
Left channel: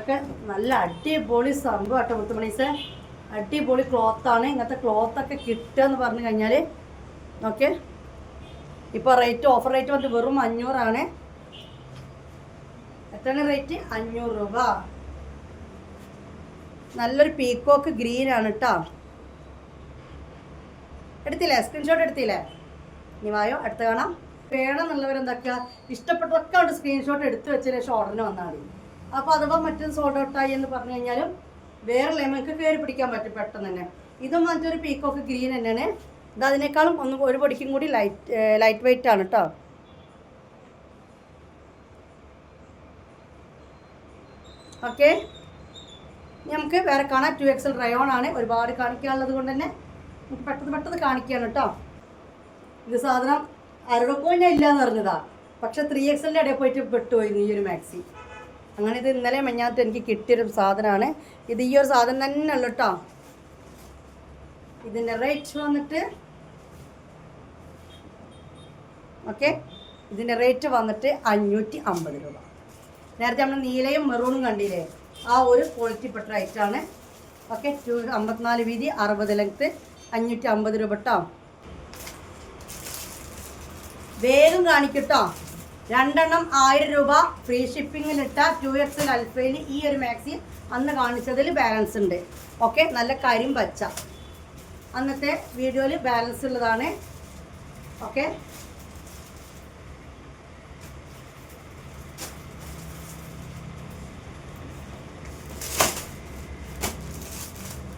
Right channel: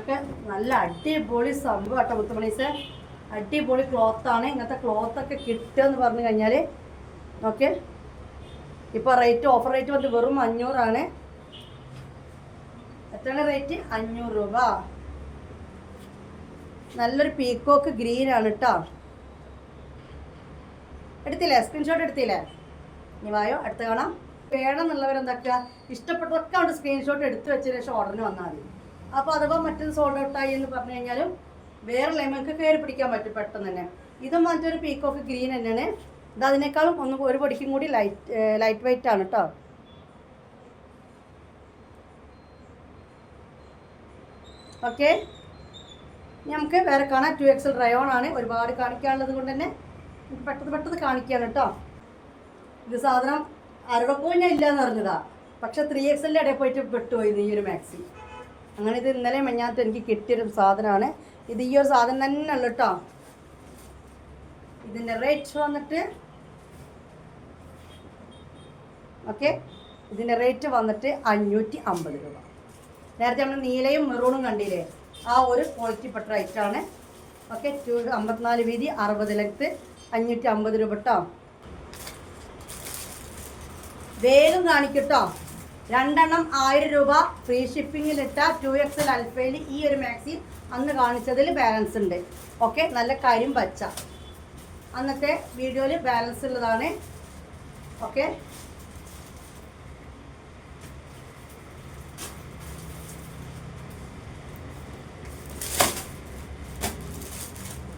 ഒക്കെ നല്ല അടിപൊളി സംഭവം കേട്ടോ മുത്തുമണീസ്. അടിപൊളി ക്ലോത്താണ്. ഇങ്ങനത്തെ ക്ലോത്തൊക്കെ കിട്ടുക എന്ന് പറഞ്ഞു കഴിഞ്ഞാൽ. ഓക്കെ, ഇപ്പോൾ റേറ്റ് ഓഫർ റേറ്റ് വന്നിട്ട് വെറും 500 ആണ്. എത്രയാണ് റേറ്റ്? 500 രൂപ. നല്ലൊരു പീക്കോക്ക് ഗ്രീൻ ആണ് കേട്ടോ. എടുത്തില്ലേ? സ്ക്രീൻഷോട്ട് എടുത്തില്ലേ? ഇനി വായോ, അടുത്ത് കാണാം. വേണമെന്നുള്ളവരെന്താക്കുക, ഇഷ്ടപ്പെട്ടതൊക്കെ ഉണ്ട് സ്ക്രീൻഷോട്ട് എടുത്ത് വെച്ചതിന് ശേഷം ഓർഡറിന് വന്നാൽ മതി. അപ്പോൾ അഥവാ മറ്റൊരു സോൾഡ് ഔട്ടായി എന്ന് പറഞ്ഞു കഴിഞ്ഞാലും വേറെ ലെമൺക്ക് കയറി പിടിക്കാൻ പറ്റും പെട്ടെന്ന് തന്നെ. ഇതും മറ്റൊരു പീക്കോക്ക് ഗ്രീൻ തന്നെയാണ്. ഇത് അതിനേക്കാളും ഒരു പൊടിക്കും കൂടി ലൈറ്റ് വെയിറ്റ് ആണ് കേട്ടോ. ഓക്കെ, നമുക്ക് വേറെ കാണാം. 2XL റയോൺ ആണ്. ഒരുപാട് കാണിക്കാനുള്ളത് കൊണ്ട് തന്നെ നമുക്ക് പെട്ടെന്ന് കാണിക്കുകയാണ് കേട്ടോ. ഇത് സാധനം ആരുടെ പോയി ഇല്ലയെന്ന് പറഞ്ഞതാ. പക്ഷെ 3XLൻ്റെ ഇടയിൽ പോയിട്ട് പെട്ടുപോയിരുന്നു ഈ ഒരു മാക്സി. അങ്ങനെ ഇത് ഇന്നലെ മെഞ്ഞാത്ത് എനിക്ക് കിട്ടിയൊരു സാധനമാണ്. ഇത് ഈ ഒരു സാധനം തന്നെ ഉള്ളു കേട്ടോ. ഇതിൻ്റെ റേറ്റ് വന്നിട്ട് ഓക്കെ, ഇതിൻ്റെ റേറ്റ് വന്നിട്ട് 550 രൂപ. നേരത്തെ നമ്മൾ നീലയും മെറൂണും കണ്ടില്ലേ, ആ ഒരു ക്വാളിറ്റി പെട്ട റേറ്റാണ്. ഓക്കെ, 54 വീതി, 60 ലെങ്ത്ത്, 550 രൂപ കേട്ടോ. വേഗം കാണിക്കട്ടോ. 2 എണ്ണം 1000 രൂപ ഫ്രീ ഷിപ്പിങ്ങിലിട്ട 2XL അൽഫയിൽ ഈ ഒരു മാക്സി അന്ന് കാണിച്ചതിൽ ബാലൻസ് ഉണ്ട്. ഓക്കെ, നല്ല കരിം പച്ച അന്നത്തെ വീഡിയോയിൽ ബാലൻസ് ഉള്ളതാണ്. ഓക്കെ,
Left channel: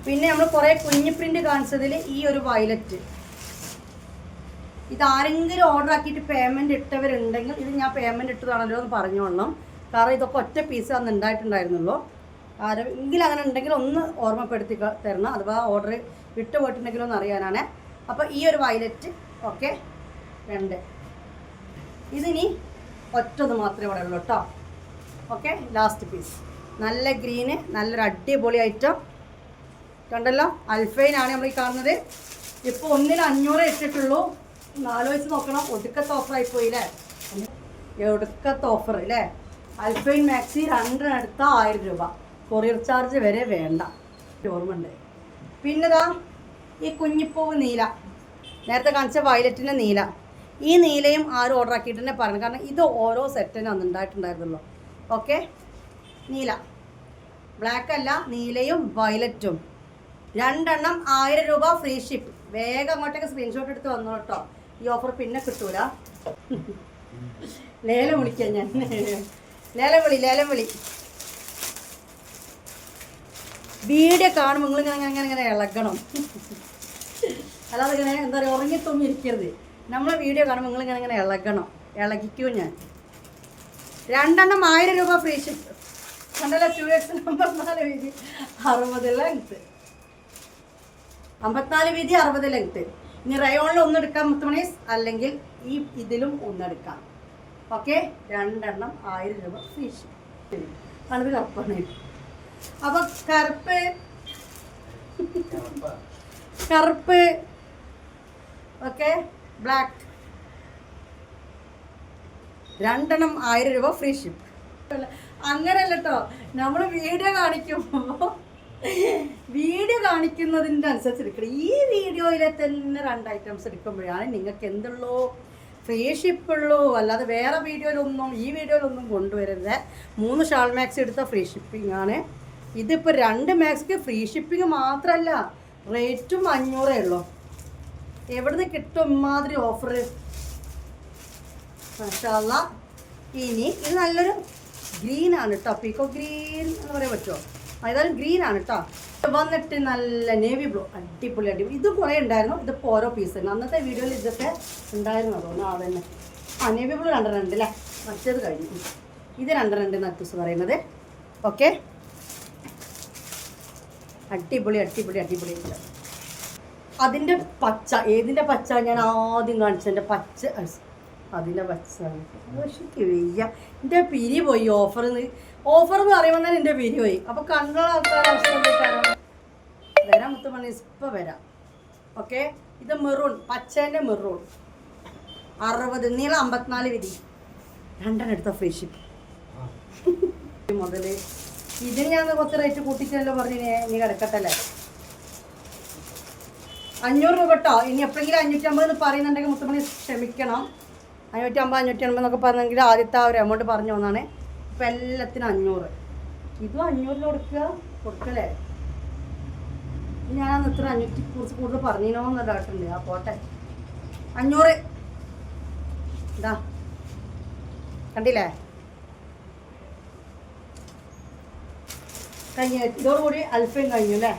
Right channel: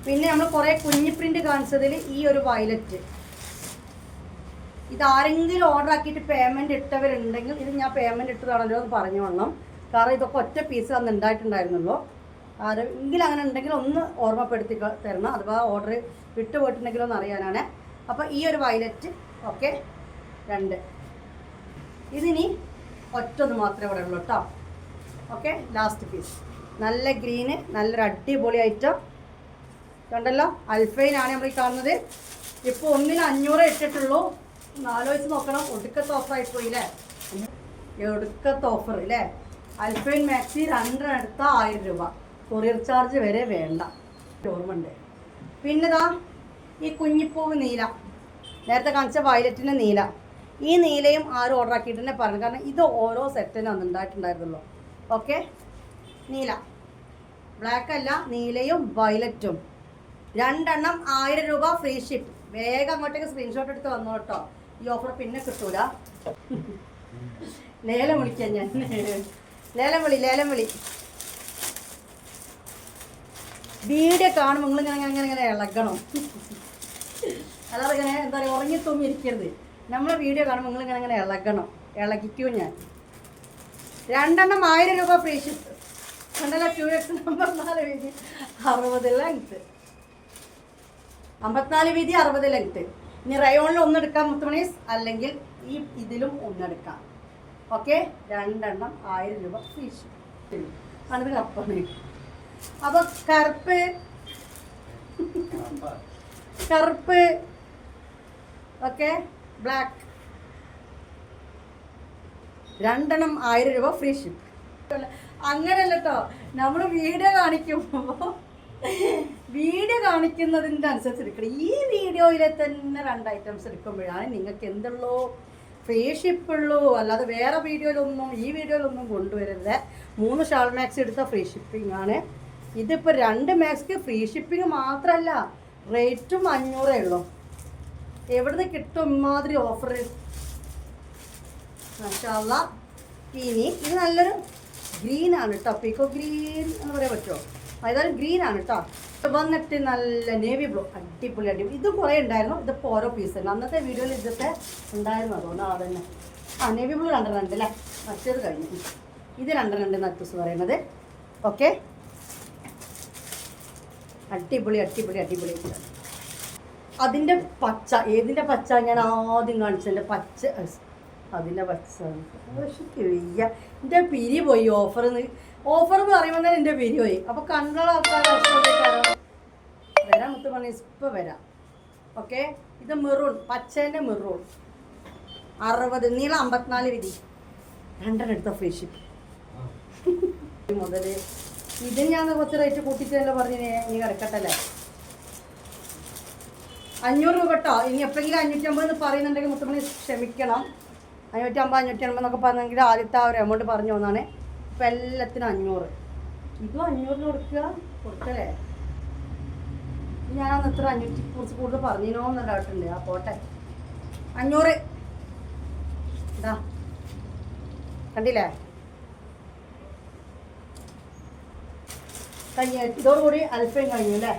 പിന്നെ നമ്മൾ കുറേ കുഞ്ഞു പ്രിൻ്റ് കാണിച്ചതിൽ ഈ ഒരു വയലറ്റ്, ഇത് ആരെങ്കിലും ഓർഡർ ആക്കിയിട്ട് പേയ്മെൻറ്റ് ഇട്ടവരുണ്ടെങ്കിൽ ഇത് ഞാൻ പേയ്മെൻറ്റ് ഇട്ടതാണല്ലോ എന്ന് പറഞ്ഞോളണം. കാരണം ഇതൊക്കെ ഒറ്റ പീസ് അന്ന് ഉണ്ടായിട്ടുണ്ടായിരുന്നുള്ളൂ. ആരെങ്കിലും അങ്ങനെ ഉണ്ടെങ്കിൽ ഒന്ന് ഓർമ്മപ്പെടുത്തി തരണം, അഥവാ ഓർഡർ വിട്ടു പോയിട്ടുണ്ടെങ്കിലോ എന്ന് അറിയാനാണ്. അപ്പോൾ ഈ ഒരു വയലറ്റ് ഓക്കെ 2. ഇതിനി ഒറ്റത് മാത്രമേ ഇവിടെ ഉള്ളൂ കേട്ടോ. ഓക്കെ, ലാസ്റ്റ് പീസ് നല്ല ഗ്രീന്, നല്ലൊരു അടിപൊളി ഐറ്റം കണ്ടല്ലോ. അൽഫൈനാണ് നമ്മൾ ഈ കാണുന്നത്. ഇപ്പോൾ 1-ന് 500 ഇട്ടിട്ടുള്ളൂ. ആലോചിച്ച് നോക്കണം, ഒടുക്കത്തെ ഓഫറായി പോയില്ലേ, ഒടുക്കത്തെ ഓഫർ അല്ലേ. അൽഫൈൻ മാക്സി 2 എടുത്താൽ 1000 രൂപ, കൊറിയർ ചാർജ് വരെ വേണ്ട. ഓർമ്മയുണ്ട്. പിന്നെതാ ഈ കുഞ്ഞിപ്പൂവ് നീല, നേരത്തെ കാണിച്ച വയലറ്റിൻ്റെ നീല. ഈ നീലയും ആരും ഓർഡർ ആക്കിയിട്ട് തന്നെ പറഞ്ഞു, കാരണം ഇത് ഓരോ സെറ്റിനും അന്ന് ഉണ്ടായിട്ടുണ്ടായിരുന്നല്ലോ. ഓക്കെ, നീല, ബ്ലാക്ക് അല്ല, നീലയും വയലറ്റും 2 എണ്ണം 1000 രൂപ ഫ്രീ ഷിപ്പ്. വേഗം അങ്ങോട്ടേക്ക് സ്ക്രീൻഷോട്ട് എടുത്ത് വന്നോ കേട്ടോ, ഈ ഓഫർ പിന്നെ കിട്ടൂല. ലേലം വിളിക്കാം ഞാൻ, ലേലം വിളി. വീഡിയോ കാണുമ്പോൾ നിങ്ങൾ അങ്ങനെ ഇളകണം, അല്ലാതെ ഇങ്ങനെ എന്താ പറയുക ഉറങ്ങിത്തൊന്നും ഇരിക്കരുത്. നമ്മളെ വീഡിയോ കാണുമ്പോൾ നിങ്ങൾ ഇങ്ങനെ ഇളകണം, ഇളകിക്കൂ ഞാൻ. 2 എണ്ണം 1000 രൂപ ഫ്രീ ഷിപ്പ്. കണ്ടല്ലോ, 2X 54 വീതി 60 ലെങ്ത്ത്, 54 വീതി 60 ലെങ്ത്ത്. ഇനി റയോണിൽ ഒന്നെടുക്കാം മുത്തുമണീസ്, അല്ലെങ്കിൽ ഈ ഇതിലും ഒന്നെടുക്കാം. ഓക്കെ, 2 എണ്ണം 1000 രൂപ ഫ്രീ ഷിപ്പ്. അത് കറുപ്പാണ്. അപ്പോൾ കറുപ്പ് ഓക്കെ, ബ്ലാക്ക് 2 എണ്ണം 1000 രൂപ ഫ്രീ ഷിപ്പ്. അങ്ങനെയല്ല കേട്ടോ, നമ്മൾ വീഡിയോ കാണിക്കുന്നതിൻ്റെ അനുസരിച്ച് എടുക്കണം. ഈ വീഡിയോയിലെ തന്നെ 2 ഐറ്റംസ് എടുക്കുമ്പോഴാണ് നിങ്ങൾക്ക് എന്തുള്ളൂ ഫ്രീ ഷിപ്പുള്ളൂ. അല്ലാതെ വേറെ വീഡിയോയിലൊന്നും ഈ വീഡിയോയിലൊന്നും കൊണ്ടുവരരുത്. 3 ഷാൾ മാക്സി എടുത്ത ഫ്രീ ഷിപ്പിംഗ് ആണ്. ഇതിപ്പോൾ 2 മാക്സിക്ക് ഫ്രീ ഷിപ്പിംഗ് മാത്രമല്ല, റേറ്റും 500 ഉള്ളൂ. എവിടുന്ന് കിട്ടും ഇമാതിരി ഓഫർ? മാഷാള്ള. ഇനി ഇത് നല്ലൊരു ഗ്രീനാണ് കേട്ടോ, പീക്കോ ഗ്രീൻ എന്ന് പറയാൻ പറ്റുമോ? ഏതായാലും ഗ്രീനാണ് കേട്ടോ. വന്നിട്ട് നല്ല നേവി ബ്ലൂ, അടിപൊളി. ഇത് കുറേ ഉണ്ടായിരുന്നു, ഇതിപ്പോൾ ഓരോ പീസായിരുന്നു. അന്നത്തെ വീഡിയോയിൽ ഇതൊക്കെ ഉണ്ടായിരുന്നു, അതുകൊണ്ട് തന്നെ. നേവി ബ്ലൂ 2 അല്ലേ, മറ്റേത് കഴിഞ്ഞു. ഇത് 2 നത്തൂസ് പറയുന്നത്. ഓക്കെ, അടിപൊളി. അതിൻ്റെ പച്ച, ഏതിൻ്റെ പച്ച ഞാൻ ആദ്യം കാണിച്ചതിൻ്റെ പച്ച, അതിൻ്റെ പച്ച വയ്യ. എൻ്റെ പിരി പോയി. ഓഫർ എന്ന് പറയുമ്പോൾ തന്നെ എൻ്റെ പിരി പോയി. അപ്പോൾ കണ്ടുള്ള ആൾക്കാർ വരാം മുത്തുമണി, ഇപ്പം വരാം. ഓക്കെ, ഇത് മെറൂൺ, പച്ചേൻ്റെ മെറൂൺ 60, നീളം 54 വീതി, 2 എടുത്ത ഫ്രീ ഷിപ്പ്. മുതൽ ഇതിന് ഞാൻ കുറച്ച് റേറ്റ് കൂട്ടിച്ചല്ലോ പറഞ്ഞിനെ, നീ കിടക്കട്ടല്ലേ. 500 രൂപ കേട്ടോ. ഇനി എപ്പോഴെങ്കിലും 550 എന്ന് പറയുന്നുണ്ടെങ്കിൽ മുത്തുമണി ക്ഷമിക്കണം. 550 580 എന്നൊക്കെ പറഞ്ഞെങ്കിൽ ആദ്യത്തെ ആ ഒരു എമൗണ്ട് പറഞ്ഞു വന്നാണ്. ഇപ്പം എല്ലാത്തിനും 500. ഇതും 500 കൊടുക്കലേ. ഞാൻ ഇത്ര 500 കുറച്ച് കൂടുതൽ പറഞ്ഞിനോ എന്നല്ല കേട്ടിട്ടുണ്ട്. ആ പോട്ടെ, 500 ഇതാ കണ്ടില്ലേ. കഴിഞ്ഞ ഇതോടുകൂടി അൽഫൈൻ കഴിഞ്ഞു അല്ലേ.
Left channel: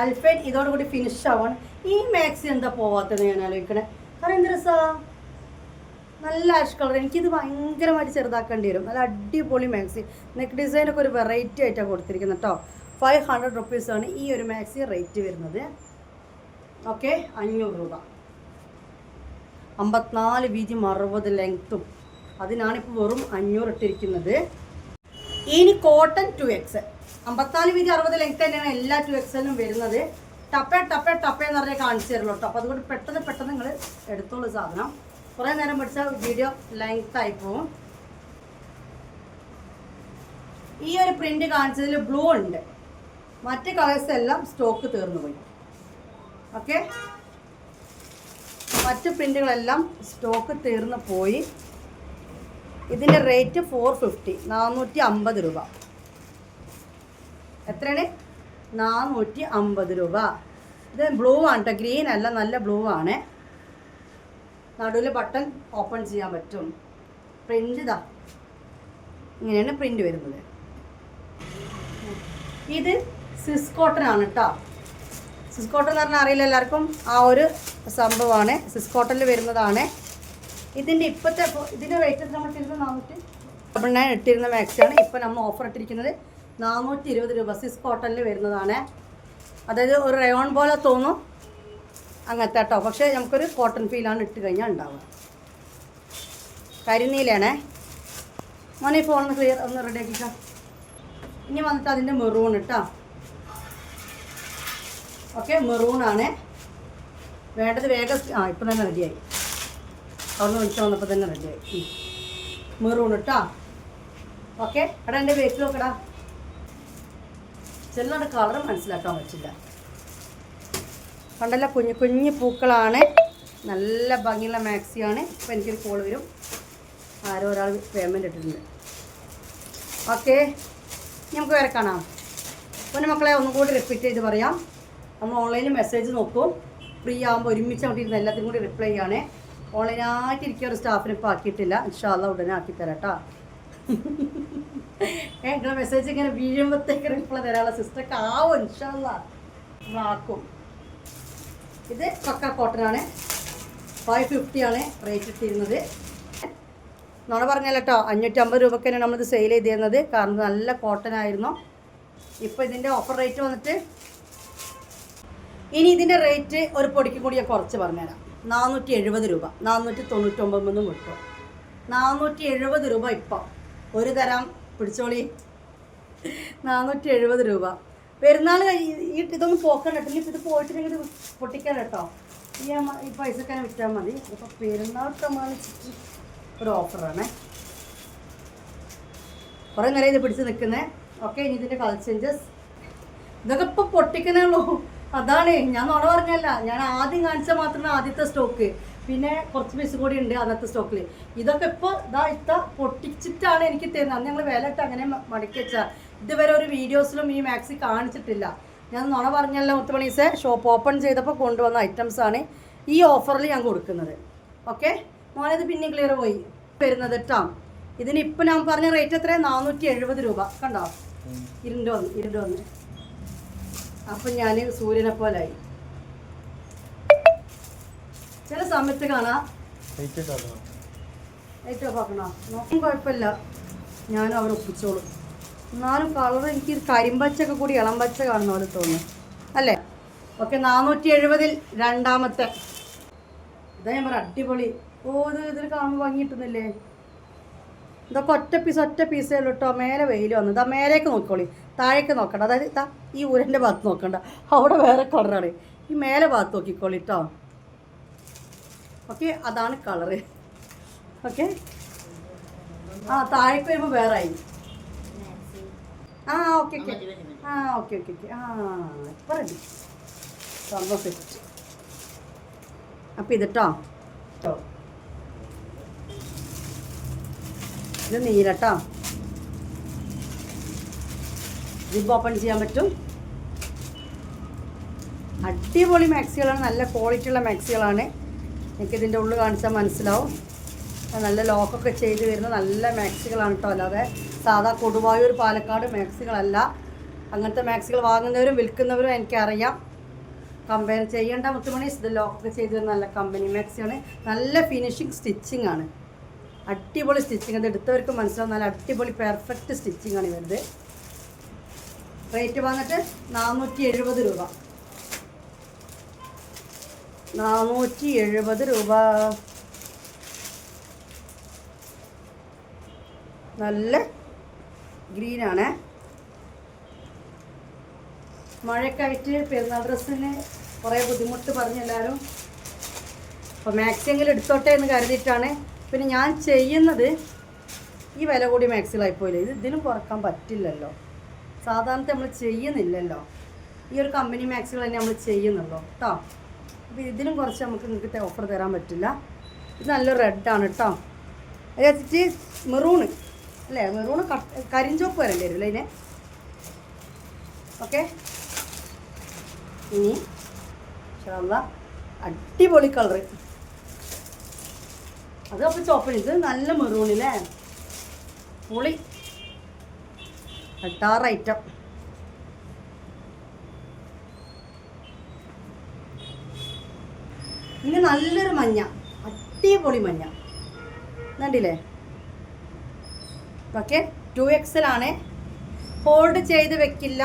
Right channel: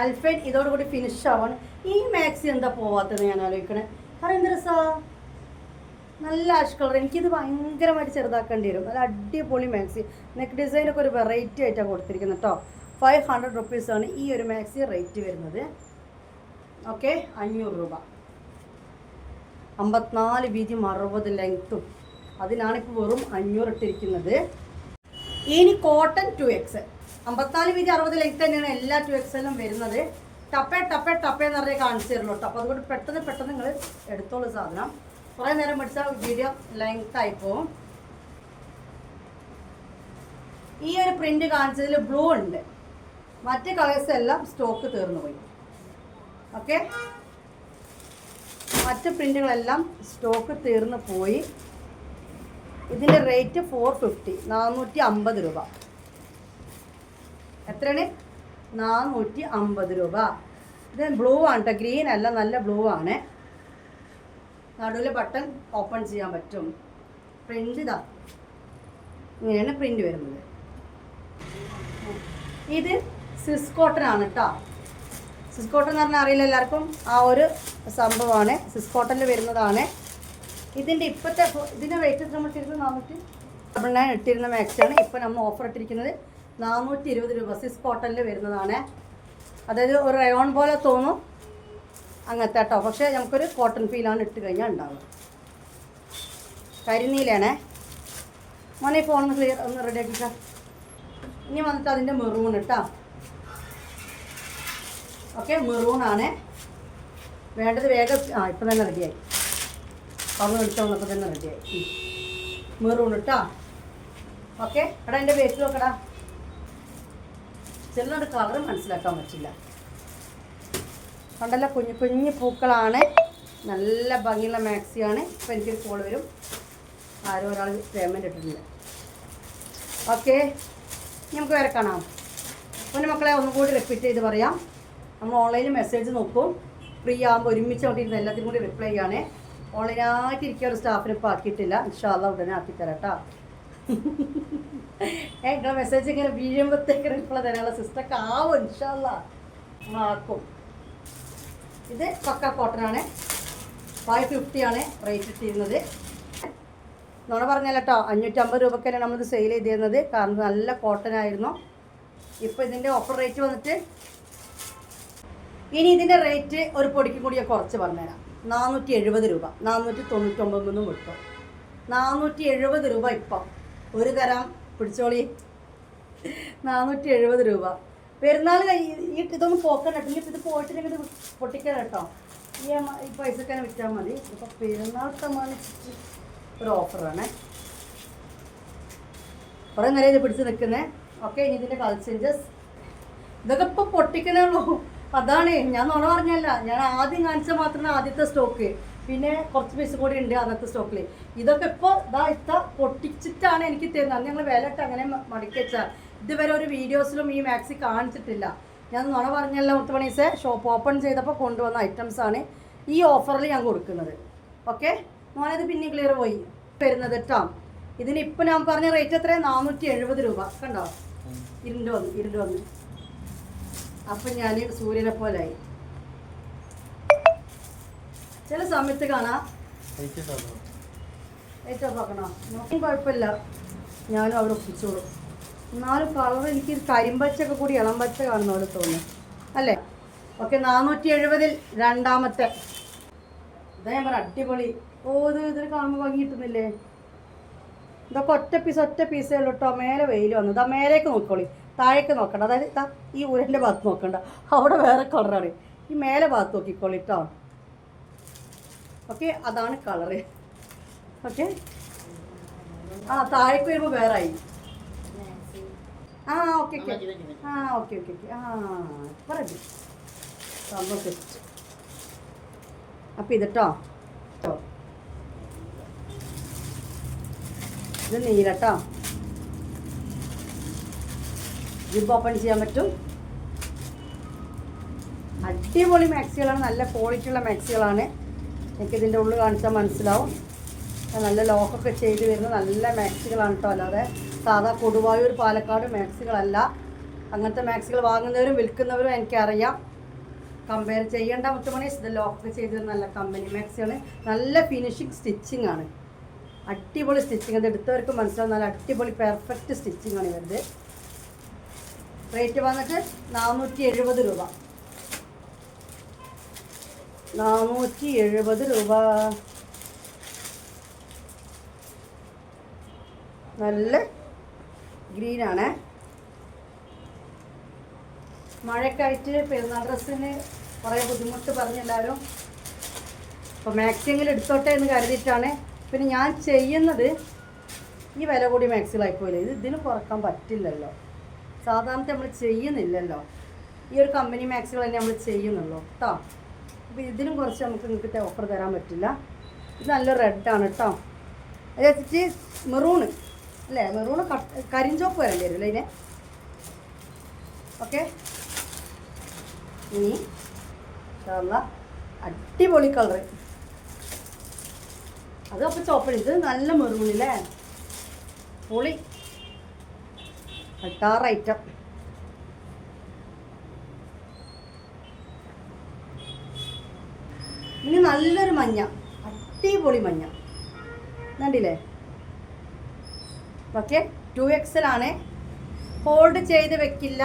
അൽഫൈൻ ഇതോടുകൂടി ഫിനിഷ് ആവാണ്. ഈ മാക്സി എന്താ പോവാത്തത് ഞാൻ ആലോചിക്കണേ. കാരണം എന്ത് രസമാണ്, നല്ല ആഷ് കളർ. എനിക്കിത് ഭയങ്കരമായിട്ട് ചെറുതാക്കേണ്ടി വരും. നല്ല അടിപൊളി മാക്സി. നെക്ക് ഡിസൈനൊക്കെ ഒരു വെറൈറ്റി ആയിട്ടാണ് കൊടുത്തിരിക്കുന്നത് കേട്ടോ. 500 റുപ്പീസാണ് ഈ ഒരു മാക്സി റേറ്റ് വരുന്നത്. ഓക്കെ, 500 രൂപ. 54 വീതിയും 60 ലെങ്ത്തും. അതിനാണിപ്പോൾ വെറും 500 ഇട്ടിരിക്കുന്നത്. ഇനി കോട്ടൺ 2X, 54 വീതി 60 ലെങ്ത്ത് തന്നെയാണ് എല്ലാ 2Xലും വരുന്നത്. ടപ്പേ എന്ന് പറഞ്ഞാൽ കാണിച്ചു തരുള്ളൂ കേട്ടോ. അപ്പോൾ അതുകൊണ്ട് പെട്ടെന്ന് നിങ്ങൾ എടുത്തോളൂ സാധനം. കുറേ നേരം പിടിച്ച വീഡിയോ ലെങ്ത് ആയിപ്പോവും. ഈ ഒരു പ്രിന്റ് കാണിച്ചതിൽ ബ്ലൂ ഉണ്ട്, മറ്റ് കളേഴ്സ് എല്ലാം സ്റ്റോക്ക് തീർന്നു പോയി. ഓക്കെ, മറ്റ് പ്രിന്റുകളെല്ലാം സ്റ്റോക്ക് തീർന്നു പോയി. ഇതിൻ്റെ റേറ്റ് 450, 450 രൂപ. എത്രയാണ്? 450 രൂപ. ഇത് ബ്ലൂ ആണ് കേട്ടോ, ഗ്രീൻ അല്ല, നല്ല ബ്ലൂ ആണ്. നടുവിൽ ബട്ടൺ ഓപ്പൺ ചെയ്യാൻ പറ്റും. പ്രിൻ്റ് ഇതാ ഇങ്ങനെയാണ് പ്രിൻ്റ് വരുന്നത്. ഇത് സിസ് കോട്ടൺ ആണ് കേട്ടോ. സിസ് കോട്ടൺ എന്ന് പറഞ്ഞാൽ അറിയില്ല എല്ലാവർക്കും, ആ ഒരു സംഭവമാണ് സിസ് കോട്ടണിൽ വരുന്നതാണ്. ഇതിൻ്റെ ഇതിൻ്റെ റേറ്റ് നമ്മൾ ഇട്ടിരുന്നത് 449 ഇട്ടിരുന്ന മാക്സിയാണ്. ഇപ്പോൾ നമ്മൾ ഓഫർ ഇട്ടിരിക്കുന്നത് 420 രൂപ സിസ് കോട്ടണിൽ വരുന്നതാണ്. അതായത് ഒരു റയോൺ പോലെ തോന്നും അങ്ങനത്തെ കേട്ടോ, പക്ഷേ നമുക്കൊരു കോട്ടൺ ഫീലാണ് ഇട്ട് കഴിഞ്ഞാൽ ഉണ്ടാവുക. കരിനീലാണേ. മോനെ ഫോൺ ഒന്ന് ക്ലിയർ ഒന്ന് റെഡി ആക്കിക്കാം. ഇനി വന്നിട്ട് അതിൻ്റെ മെറൂൺ കേട്ടോ. ഓക്കെ, മെറൂണാണ് വേണ്ടത്. വേഗം ഇപ്പം തന്നെ റെഡിയായി. അവിടെ വിളിച്ച് വന്നപ്പോൾ തന്നെ റെഡിയായി. മെറൂൺ കേട്ടോ. ഓക്കെ, എടാ എൻ്റെ വെയിറ്റ് നോക്കടാ. ചിലരുടെ കളർ മനസ്സിലാക്കാൻ പറ്റില്ല. കണ്ടല്ല, കുഞ്ഞു കുഞ്ഞു പൂക്കളാണ്. നല്ല ഭംഗിയുള്ള മാക്സിയാണ്. ഇപ്പം എനിക്കൊരു കോൾ വരും. ആരോ ഒരാൾ പേയ്മെൻറ്റ് ഇട്ടിട്ടുണ്ട്. ഓക്കെ, നമുക്ക് വേറെ കാണാം. പിന്നെ മക്കളെ ഒന്നുകൂടി റിപ്പീറ്റ് ചെയ്ത് പറയാം. നമ്മൾ ഓൺലൈനിൽ മെസ്സേജ് നോക്കും. ഫ്രീ ആകുമ്പോൾ ഒരുമിച്ച് കൊണ്ടിരുന്ന എല്ലാത്തിനും കൂടി റിപ്ലൈ ചെയ്യണേ. ഓൺലൈനായിട്ട് ഇരിക്കുക ഒരു സ്റ്റാഫിനെ ഇപ്പോൾ ആക്കിയിട്ടില്ല. ഇൻഷാ അല്ലാഹ് ഉടനെ ആക്കിത്തരാം കേട്ടോ. നിങ്ങൾ മെസ്സേജ് ഇങ്ങനെ വീഴുമ്പോഴത്തേക്ക് റിപ്ലൈ തരാനുള്ള സിസ്റ്റമൊക്കെ ആവും. ഇൻഷാ അല്ലാഹ് നമ്മളാക്കും. ഇത് പക്ക കോട്ടനാണ്. 550 ആണ് റേറ്റ് ഇട്ടിരുന്നത്. നോണ പറഞ്ഞല്ലോ കേട്ടോ. 550 രൂപയ്ക്ക് തന്നെയാണ് നമ്മളിത് സെയിൽ ചെയ്തിരുന്നത്. കാരണം നല്ല കോട്ടൺ ആയിരുന്നു. ഇപ്പോൾ ഇതിൻ്റെ ഓഫർ റേറ്റ് വന്നിട്ട് ഇനി ഇതിൻ്റെ റേറ്റ് ഒരു പൊടിക്ക് കൂടി ഞാൻ കുറച്ച് പറഞ്ഞുതരാം. 470 രൂപ. 499 കിട്ടും. 470 രൂപ ഇപ്പം ഒരു തരം പിടിച്ചോളി. 470 രൂപ. പെരുന്നാൾ ഇതൊന്നും പോക്കാൻ കേട്ടോ. ഇത് പോയിട്ടുണ്ടെങ്കിൽ പൊട്ടിക്കാൻ കേട്ടോ. ഈ പൈസക്ക് തന്നെ വിറ്റാൽ മതി. അപ്പോൾ പെരുന്നാൾ പ്രമാണിച്ചിട്ട് ഒരു ഓഫറാണ്. കുറേ നേരം ഇത് പിടിച്ച് നിൽക്കുന്നത്. ഓക്കെ, ഇനി ഇതിൻ്റെ കളർ ചേഞ്ചസ് ഇതൊക്കെ ഇപ്പോൾ പൊട്ടിക്കണുള്ളൂ. അതാണ് ഞാൻ നുണ പറഞ്ഞല്ല. ഞാൻ ആദ്യം കാണിച്ചാൽ മാത്രമേ ആദ്യത്തെ സ്റ്റോക്ക്, പിന്നെ കുറച്ച് പീസ് കൂടി ഉണ്ട് അന്നത്തെ സ്റ്റോക്കിൽ. ഇതൊക്കെ ഇപ്പോൾ പൊട്ടിച്ചിട്ടാണ് എനിക്ക് തരുന്നത്. അന്ന് ഞങ്ങൾ വില ഇട്ട് അങ്ങനെ മടക്കി വെച്ചാൽ. ഇതുവരെ ഒരു വീഡിയോസിലും ഈ മാക്സി കാണിച്ചിട്ടില്ല. ഞാൻ നുണ പറഞ്ഞല്ല. മുത്തുമണീസ് ഷോപ്പ് ഓപ്പൺ ചെയ്തപ്പോൾ കൊണ്ടുവന്ന ഐറ്റംസാണ് ഈ ഓഫറിൽ ഞാൻ കൊടുക്കുന്നത്. ഓക്കെ, മോനത് പിന്നെ ക്ലിയർ പോയി വരുന്നത് കേട്ടോ. ഇതിനിപ്പോൾ ഞാൻ പറഞ്ഞ റേറ്റ് എത്രയാണ്? 470 രൂപ. കണ്ടോ, ഇരുണ്ട് വന്ന്. അപ്പം ഞാൻ സൂര്യനെ പോലായി. ചില സമയത്ത് കാണാം ഏറ്റവും നോക്കണോ, നോക്കും കുഴപ്പമില്ല, ഞാനും അവരൊപ്പിച്ചോളും. എന്നാലും കളർ എനിക്ക് കരിമ്പച്ചൊക്കെ കൂടി ഇളം പച്ച കാണുന്ന പോലെ തോന്നുന്നു അല്ലേ? ഓക്കെ, 470 രണ്ടാമത്തെ. ഇതാ ഞാൻ പറയാം, അടിപൊളി. ഇതൊരു കാണുമ്പോൾ ഭംഗി കിട്ടുന്നില്ലേ? ഇതൊക്കെ ഒറ്റ പീസേ ഉള്ളൂ കേട്ടോ. മേലെ വെയിൽ വന്നു. ഇതാ മേലേക്ക് നോക്കിക്കോളി, താഴേക്ക് നോക്കണ്ട. അതായത് ഇതാ ഈ ഊരൻ്റെ ഭാഗത്ത് നോക്കണ്ട, അവിടെ വേറെ കളറാണ്. ഈ മേലെ ഭാഗത്ത് നോക്കിക്കോളി കേട്ടോ. ഓക്കെ, അതാണ് കളറ്. ഓക്കെ, താഴേക്ക് വരുമ്പോൾ വേറായി. ഓക്കെ ഓക്കെ ഓക്കെ ഇപ്പം റെഡി. സംഭവം സെറ്റ്. അപ്പം ഇതിട്ടോ, ഇത് നീലട്ടോ. ജിബ് ഓപ്പൺ ചെയ്യാൻ പറ്റും. അടിപൊളി മാക്സികളാണ്. നല്ല ക്വാളിറ്റിയുള്ള മാക്സികളാണ്. എനിക്കിതിൻ്റെ ഉള്ളിൽ കാണിച്ചാൽ മനസ്സിലാവും. നല്ല ലോക്കൊക്കെ ചെയ്ത് വരുന്ന നല്ല മാക്സികളാണ് കേട്ടോ. അല്ലാതെ സാധാ കൊടുവായൂർ പാലക്കാട് മാക്സികളല്ല. അങ്ങനത്തെ മാക്സികൾ വാങ്ങുന്നവരും വിൽക്കുന്നവരും എനിക്കറിയാം. കമ്പയർ ചെയ്യേണ്ട മുത്തുമണി. ഇത് ലോക്കൊക്കെ ചെയ്ത് വരുന്ന നല്ല കമ്പനി മാക്സിയാണ്. നല്ല ഫിനിഷിങ് സ്റ്റിച്ചിങ് ആണ്. അടിപൊളി സ്റ്റിച്ചിങ്. അത് എടുത്തവർക്ക് മനസ്സിലാവും. നല്ല അടിപൊളി പെർഫെക്റ്റ് സ്റ്റിച്ചിങ് ആണ് ഇവരുടെ. റേറ്റ് വന്നിട്ട് 470 രൂപ. 470 രൂപ. നല്ല ഗ്രീനാണ്. മഴയൊക്കെ ആയിട്ട് പെരുന്നാൾ ഡ്രസ്സിന് കുറേ ബുദ്ധിമുട്ട് പറഞ്ഞെല്ലാവരും. അപ്പോൾ മാക്സിമെങ്കിലും എടുത്തോട്ടെ എന്ന് കരുതിയിട്ടാണ്. പിന്നെ ഞാൻ ചെയ്യുന്നത് ഈ വില കൂടി മാക്സിലായിപ്പോയില്ലേ, ഇതിനും കുറക്കാൻ പറ്റില്ലല്ലോ. സാധാരണ നമ്മൾ ചെയ്യുന്നില്ലല്ലോ. ഈ ഒരു കമ്പനി മാക്സികൾ തന്നെ നമ്മൾ ചെയ്യുന്നുള്ളൂ കേട്ടോ. അപ്പോൾ ഇതിനും കുറച്ച് നമുക്ക് നിങ്ങൾക്ക് ഓഫർ തരാൻ പറ്റില്ല. ഇത് നല്ല റെഡാണ് കേട്ടോ. അതിനകത്ത് മെറൂണ് അല്ലേ? മെറൂണ് കരിഞ്ചോപ്പ് വരേണ്ടി വരും അല്ലേ ഇതിന്? ഓക്കെ, ഇനി അടിപൊളി കളറ്. അത് അപ്പോൾ ചോപ്പണ്. ഇത് നല്ല മെറൂണില്ലേ, പൊളി ഐറ്റം. ഇനി നല്ലൊരു മഞ്ഞ, അടിപൊളി മഞ്ഞ കണ്ടില്ലേ. ഓക്കെ, 2XL ആണ്. ഹോൾഡ് ചെയ്ത് വെക്കില്ല,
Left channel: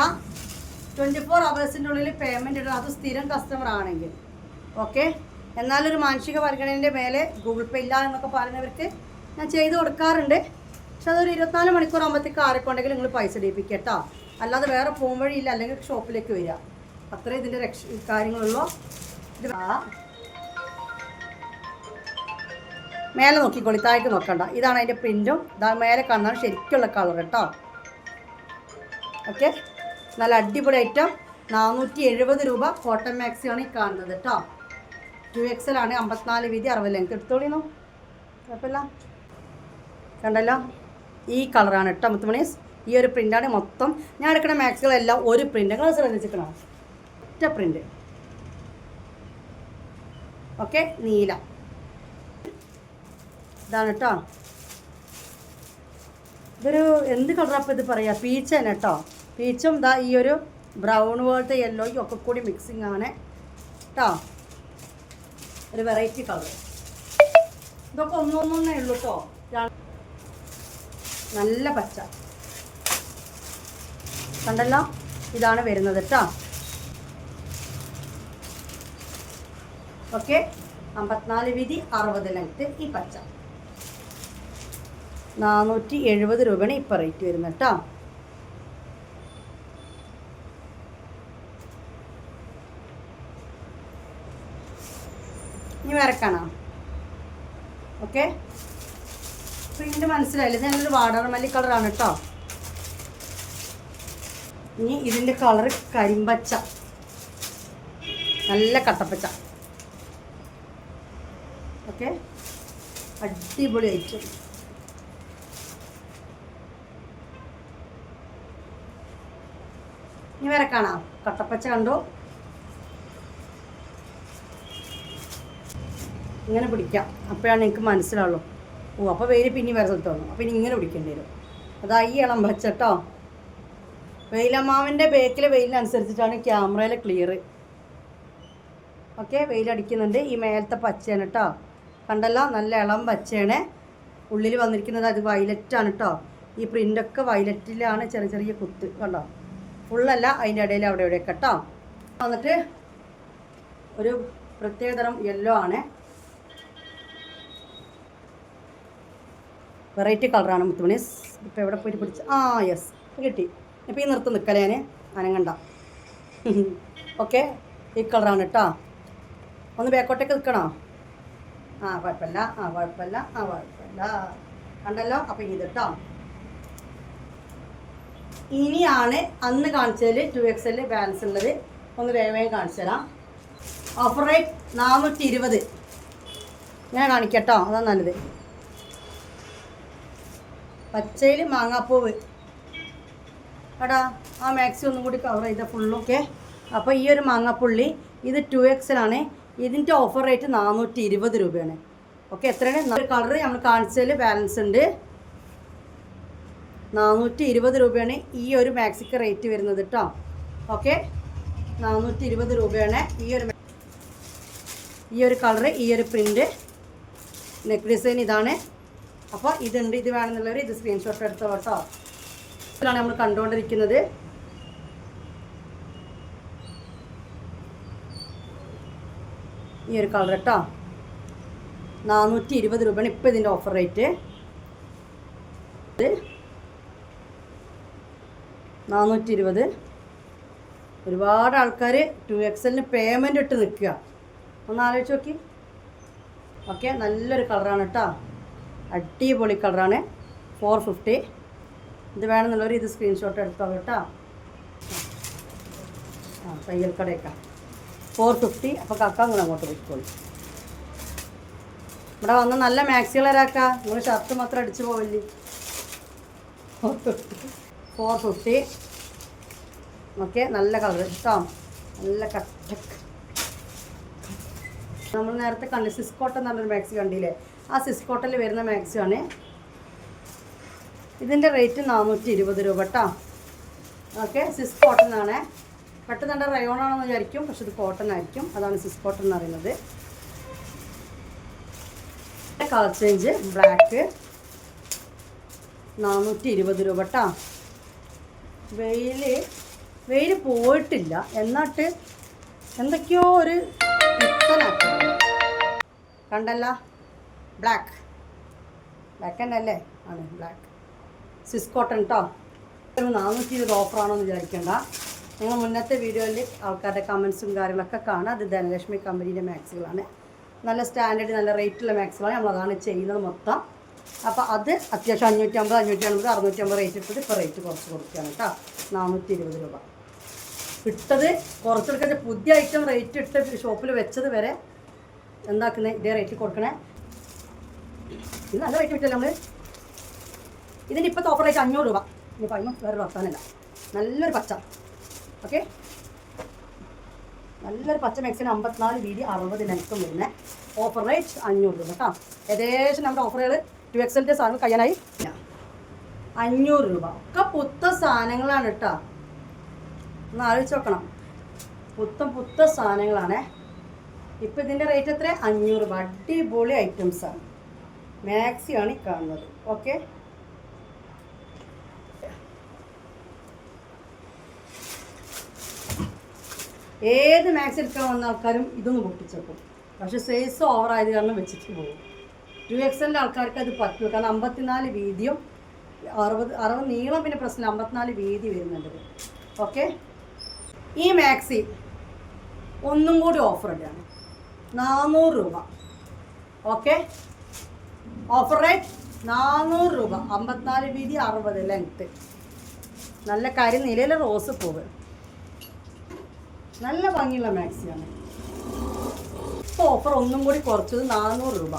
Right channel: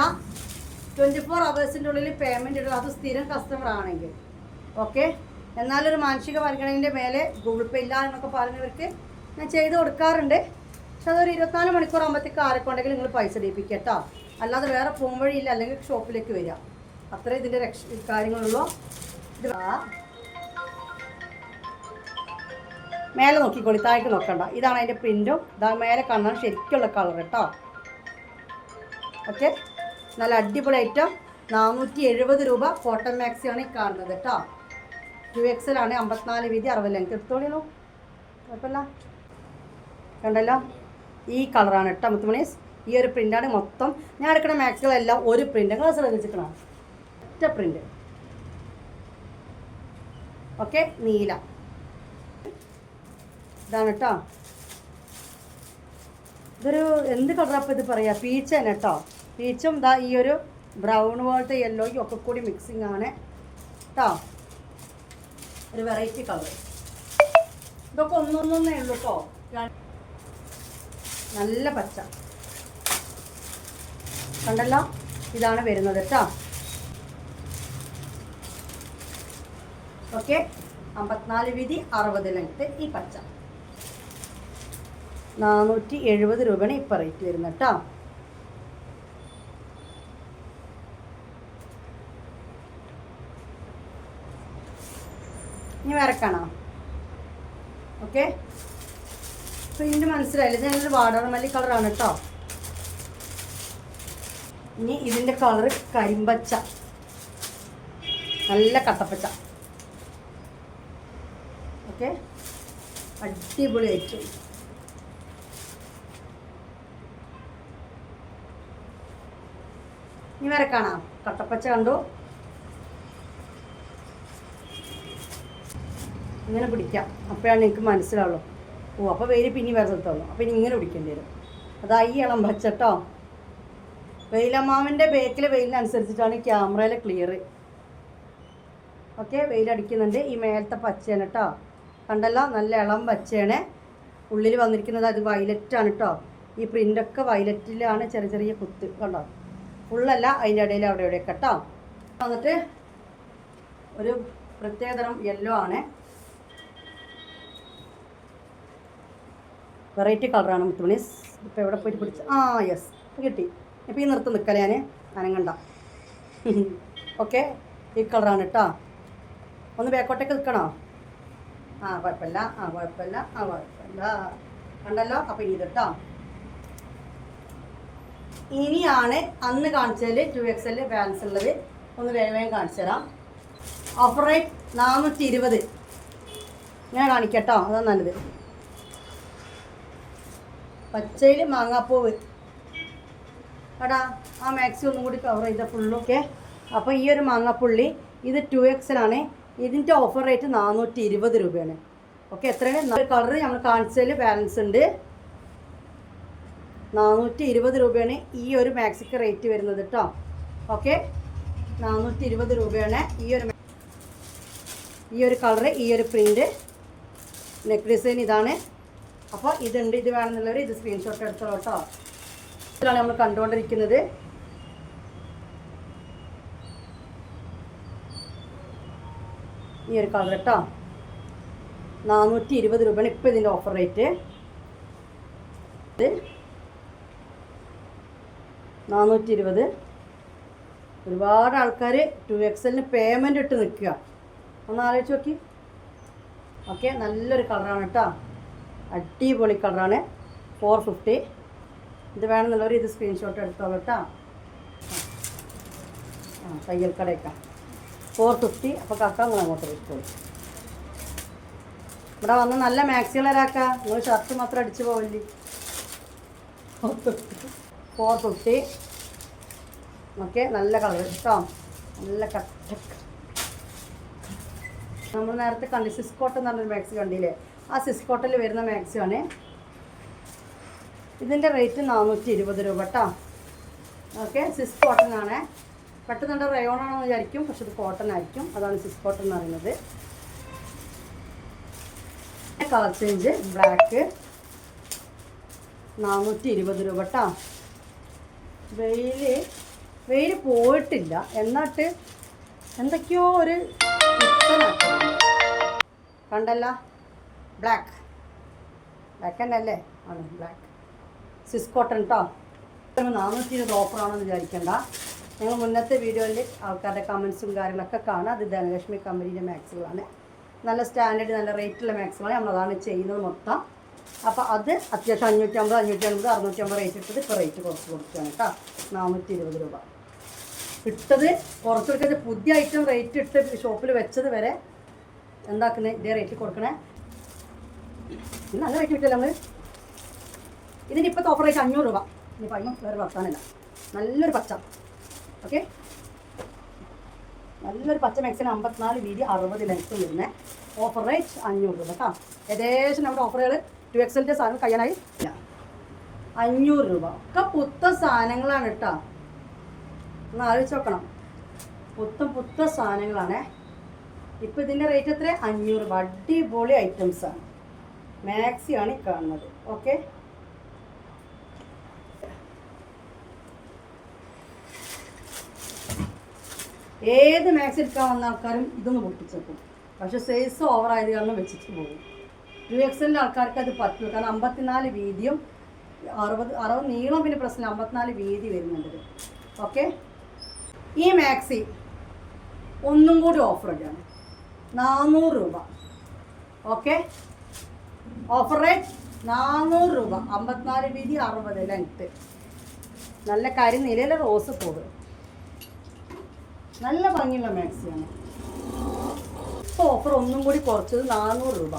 24 hours ഉള്ളിൽ പേയ്മെൻറ്റ് ഇടും, അത് സ്ഥിരം കസ്റ്റമർ ആണെങ്കിൽ. ഓക്കെ, എന്നാലൊരു മാനസിക പരിഗണനയുടെ മേലെ ഗൂഗിൾ പേ ഇല്ല എന്നൊക്കെ പറയുന്നവർക്ക് ഞാൻ ചെയ്ത് കൊടുക്കാറുണ്ട്. പക്ഷെ അതൊരു 24 മണിക്കൂർ ആകുമ്പോഴത്തേക്ക് ആരെക്കൊണ്ടെങ്കിലും നിങ്ങൾ പൈസ ഇടിപ്പിക്കുക കേട്ടോ. അല്ലാതെ വേറെ പോകും വഴിയില്ല, അല്ലെങ്കിൽ ഷോപ്പിലേക്ക് വരിക. അത്രേ ഇതിൻ്റെ കാര്യങ്ങളുള്ളൂ. ഇത് മേലെ നോക്കിക്കോളി, താഴേക്ക് നോക്കണ്ട. ഇതാണ് അതിൻ്റെ പ്രിൻറ്റും. ഇതാ മേലെ കാണാൻ ശരിക്കുള്ള കളർ കേട്ടോ. ഓക്കെ, നല്ല അടിപൊളി ഐറ്റം. 470 രൂപ. കോട്ടൺ മാക്സിയാണ് ഈ കാണുന്നത് കേട്ടോ. 2XL ആണ്, 54 വീതി, 60 ലെങ്ത്. എടുത്തോളിന്നു, കുഴപ്പമില്ല. കണ്ടല്ലോ, ഈ കളറാണ് കേട്ടോ മുത്തുമണീസ്. ഈ ഒരു പ്രിൻ്റാണ് മൊത്തം. ഞാൻ എടുക്കുന്ന മാക്സികളെല്ലാം ഒരു പ്രിൻ്റ്. നിങ്ങൾ ശ്രദ്ധിച്ചിരിക്കണം, ഒറ്റ പ്രിൻ്റ്. ഓക്കെ, നീല ഇതാണ് കേട്ടോ. ഇതൊരു എന്ത് കളറപ്പം ഇത് പറയുക, പീച്ച് തന്നെ കേട്ടോ. പീച്ചും ഇതാ ഈ ഒരു ബ്രൗൺ പോലത്തെ യെല്ലോയും ഒക്കെ കൂടി മിക്സിങ് ആണ് കേട്ടോ. ഒരു വെറൈറ്റി കളർ. ഇതൊക്കെ ഒന്നൊന്നേ ഉള്ളൂ കേട്ടോ. നല്ല പച്ച കണ്ടല്ലോ, ഇതാണ് വരുന്നത് കേട്ടോ. ഓക്കെ, 54 വീതി, 60 ലെങ്ത്ത്. ഈ പച്ച 470 രൂപയാണ് ഇപ്പം റേറ്റ് വരുന്നത് കേട്ടോ. ഇനി വരക്കണോ? ഓക്കെ, പ്രിൻ്റ് മനസ്സിലായില്ല. ഇത് നല്ലൊരു വാടാർമല്ലി കളറാണ് കേട്ടോ. ഇനി ഇതിൻ്റെ കളറ് കരിമ്പച്ച, നല്ല കട്ടപ്പച്ച. ഓക്കെ, അടിപൊളി ഐറ്റം. ഇനി വരെ കാണാം. കട്ടപ്പച്ച കണ്ടു. ഇങ്ങനെ പിടിക്കാം, അപ്പോഴാണ് എനിക്ക് മനസ്സിലാവുള്ളൂ. ഓ, അപ്പോൾ വെയിൽ പിന്നെ വേറെ സ്ഥലത്തോളൂ. അപ്പോൾ ഇനി ഇങ്ങനെ പിടിക്കേണ്ടി വരും. അതാ ഈ ഇളം പച്ച കേട്ടോ. വെയിലമ്മാവിൻ്റെ ബേക്കിലെ വെയിലിനനുസരിച്ചിട്ടാണ് ക്യാമറയിലെ ക്ലിയർ. ഓക്കെ, വെയിലടിക്കുന്നുണ്ട്. ഈ മേലത്തെ പച്ചയാണ് കേട്ടോ. കണ്ടല്ലോ, നല്ല ഇളം പച്ചയാണ്. ഉള്ളിൽ വന്നിരിക്കുന്നത് അത് വയലറ്റാണ് കേട്ടോ. ഈ പ്രിൻ്റൊക്കെ വയലറ്റിലാണ്, ചെറിയ ചെറിയ കുത്ത് കണ്ടോ. ഫുള്ളല്ല, അതിൻ്റെ ഇടയിൽ അവിടെ ഇവിടെയൊക്കെ കേട്ടോ. വന്നിട്ട് ഒരു പ്രത്യേകതരം യെല്ലോ ആണ്. വെറൈറ്റി കളറാണ് മുത്തുമണീസ്. ഇപ്പോൾ എവിടെ പോയിട്ട് പിടിച്ച് യെസ് കിട്ടി. ഇപ്പോൾ ഈ നിർത്ത് നിൽക്കലേ ഞാൻ അനങ്ങണ്ട. ഓക്കെ, ഈ കളറാണ് കേട്ടോ. ഒന്ന് ബാക്കോട്ടേക്ക് നിൽക്കണോ? കുഴപ്പമില്ല, കുഴപ്പമില്ല. കണ്ടല്ലോ, അപ്പോൾ ഇത് കേട്ടോ. ഇനിയാണ് അന്ന് കാണിച്ചതിൽ 2XL ബാലൻസ് ഉള്ളത്. ഒന്ന് വേഗം കാണിച്ചു തരാം. Offer rate 420. ഞാൻ കാണിക്കട്ടോ, അതാണ് നല്ലത്. പച്ചയിൽ മാങ്ങാപ്പൂവ് എടാ, ആ മാക്സി ഒന്നും കൂടി കവർ ചെയ്ത ഫുള്ളും. ഓക്കെ, അപ്പോൾ ഈ ഒരു മാങ്ങാപ്പുള്ളി ഇത് 2XL ആണ്. ഇതിൻ്റെ ഓഫർ റേറ്റ് 420 രൂപയാണ്. ഓക്കെ, എത്രയാണ് കളറ് നമ്മൾ കാണിച്ചതിൽ ബാലൻസ് ഉണ്ട്. 420 രൂപയാണ് ഈ ഒരു മാക്സിക്ക് റേറ്റ് വരുന്നത് കേട്ടോ. ഓക്കെ, 420 രൂപയാണ് ഈ ഒരു കളറ്, ഈ ഒരു പ്രിൻ്റ്. നെക്ക് ഡിസൈൻ ഇതാണ്. അപ്പോൾ ഇതുണ്ട്, ഇത് വേണമെന്നുള്ളവർ ഇത് സ്ക്രീൻഷോട്ട് എടുത്തോളൂ കേട്ടോ. ഇതിലാണ് നമ്മൾ കണ്ടുകൊണ്ടിരിക്കുന്നത്. ഈ ഒരു കളർ കേട്ടോ. 420 രൂപയാണ് ഇപ്പോൾ ഇതിൻ്റെ ഓഫർ റേറ്റ്. 420. ഒരുപാട് ആൾക്കാർ 2XLന് പേയ്മെൻ്റ് ഇട്ട് നിൽക്കുക. ഒന്ന് ആലോചിച്ച് നോക്കി. ഓക്കെ, നല്ലൊരു കളറാണ് കേട്ടോ. അടിപൊളി കളറാണ്. 450. ഇത് വേണമെന്നുള്ളവർ ഇത് സ്ക്രീൻഷോട്ട് എടുത്തോളൂ കേട്ടോ. തയ്യൽ കടയൊക്കെ 450. അപ്പോൾ കാക്ക നിങ്ങൾ അങ്ങോട്ട് വെക്കോളൂ. ഇവിടെ വന്ന് നല്ല മാക്സികളൊരാക്കാം. നിങ്ങൾ ഷർട്ട് മാത്രം അടിച്ചു പോവില്ലേ. 450. ഓക്കെ, നല്ല കളർ കേട്ടോ. നല്ല കട്ട. നമ്മൾ നേരത്തെ കണ്ടി സിസ്കോട്ടൻ എന്ന് പറഞ്ഞൊരു മാക്സി കണ്ടില്ലേ, ആ സിസ്കോട്ടനിൽ വരുന്ന മാക്സിയാണ്. ഇതിൻ്റെ റേറ്റ് 420 രൂപ കേട്ടോ. ഓക്കെ, സിസ് കോട്ടൺ ആണ്. പെട്ടെന്ന് റയോൺ ആണെന്ന് വിചാരിക്കും, പക്ഷെ ഇത് കോട്ടൺ ആയിരിക്കും. അതാണ് സിസ് കോട്ടൺ എന്ന് പറയുന്നത്. കളർ ചേഞ്ച് ബ്ലാക്ക് 420 രൂപ കേട്ടോ. വെയിൽ പോയിട്ടില്ല, എന്നിട്ട് എന്തൊക്കെയോ ഒരു കണ്ടല്ല. ബ്ലാക്ക് തന്നെയല്ലേ? ആണ് ബ്ലാക്ക് സ്വിസ് കോട്ടൺ കേട്ടോ. 420 ഓഫറാണെന്ന് വിചാരിക്കേണ്ട. നിങ്ങൾ മുന്നത്തെ വീഡിയോയിൽ ആൾക്കാരുടെ കമൻസും കാര്യങ്ങളൊക്കെ കാണാം. അത് ധനലക്ഷ്മി കമ്പനീൻ്റെ മാക്സുകളാണ്. നല്ല സ്റ്റാൻഡേർഡ് നല്ല റേറ്റുള്ള മാക്സുകളാണ്. നമ്മളതാണ് ചെയ്യുന്നത് മൊത്തം. അപ്പോൾ അത് അത്യാവശ്യം 550, 550, 650 റേറ്റ് ഇട്ടത് ഇപ്പോൾ റേറ്റ് കുറച്ച് കൊടുക്കുകയാണ് കേട്ടോ. 420 രൂപ ഇട്ടത് കുറച്ചെടുക്കുക. പുതിയ ഐറ്റം റേറ്റ് ഇട്ട് ഷോപ്പിൽ വെച്ചത് വരെ എന്താക്കുന്നത് ഇതേ റേറ്റ് കൊടുക്കണേ. ഇത് നല്ല റേറ്റ് കിട്ടില്ല നമ്മൾ. ഇതിൻ്റെ ഇപ്പോഴത്തെ ഓഫർ റേറ്റ് 500 രൂപ. ഇന്ന് പറയുമ്പോൾ വേറെ വർത്താനല്ല. നല്ലൊരു പച്ച. ഓക്കെ, നല്ലൊരു പച്ച മാക്സിന് 54 വീതി 60 ലെങ്ത്തും വരുന്നത്. ഓഫർ റേറ്റ് 500 രൂപ കേട്ടോ. ഏകദേശം നമ്മുടെ ഓഫറുകൾ 2XL സാധനം കഴിയാനായി. 500 രൂപ ഒക്കെ പുത്ത സാധനങ്ങളാണ് കേട്ടോ. ഒന്ന് ആലോചിച്ച് നോക്കണം. പുത്ത സാധനങ്ങളാണ്. ഇപ്പോൾ ഇതിൻ്റെ റേറ്റ് എത്ര? 500 രൂപ. അടിപൊളി ഐറ്റംസാണ്. മാക്സിയാണ് ഈ കാണുന്നത്. ഓക്കെ, ഏത് മാക്സി എടുക്കാൻ വന്ന ആൾക്കാരും ഇതൊന്ന് പൊട്ടിച്ചേക്കും. പക്ഷേ സൈസ് ഓവറായത് കാരണം വെച്ചിട്ട് പോകും. 2XL ആൾക്കാർക്ക് അത് പറ്റില്ല. കാരണം 54 വീതിയും 60 നീളം പിന്നെ പ്രശ്നം 54 വീതി വരുന്നുണ്ട്. ഓക്കെ, ഈ മാക്സി ഒന്നും കൂടി ഓഫർ ഇടുകയാണ്. 400 രൂപ. ഓക്കെ, ഓഫർ റേറ്റ് 400 രൂപ. 54 വീതി 60 ലെങ്ത്ത്. നല്ല കരിനിലയിലെ റോസ് പൂവ്. നല്ല ഭംഗിയുള്ള മാക്സിയാണ്. ഇപ്പോൾ ഓഫർ ഒന്നും കൂടി കുറച്ചത് 400 രൂപ.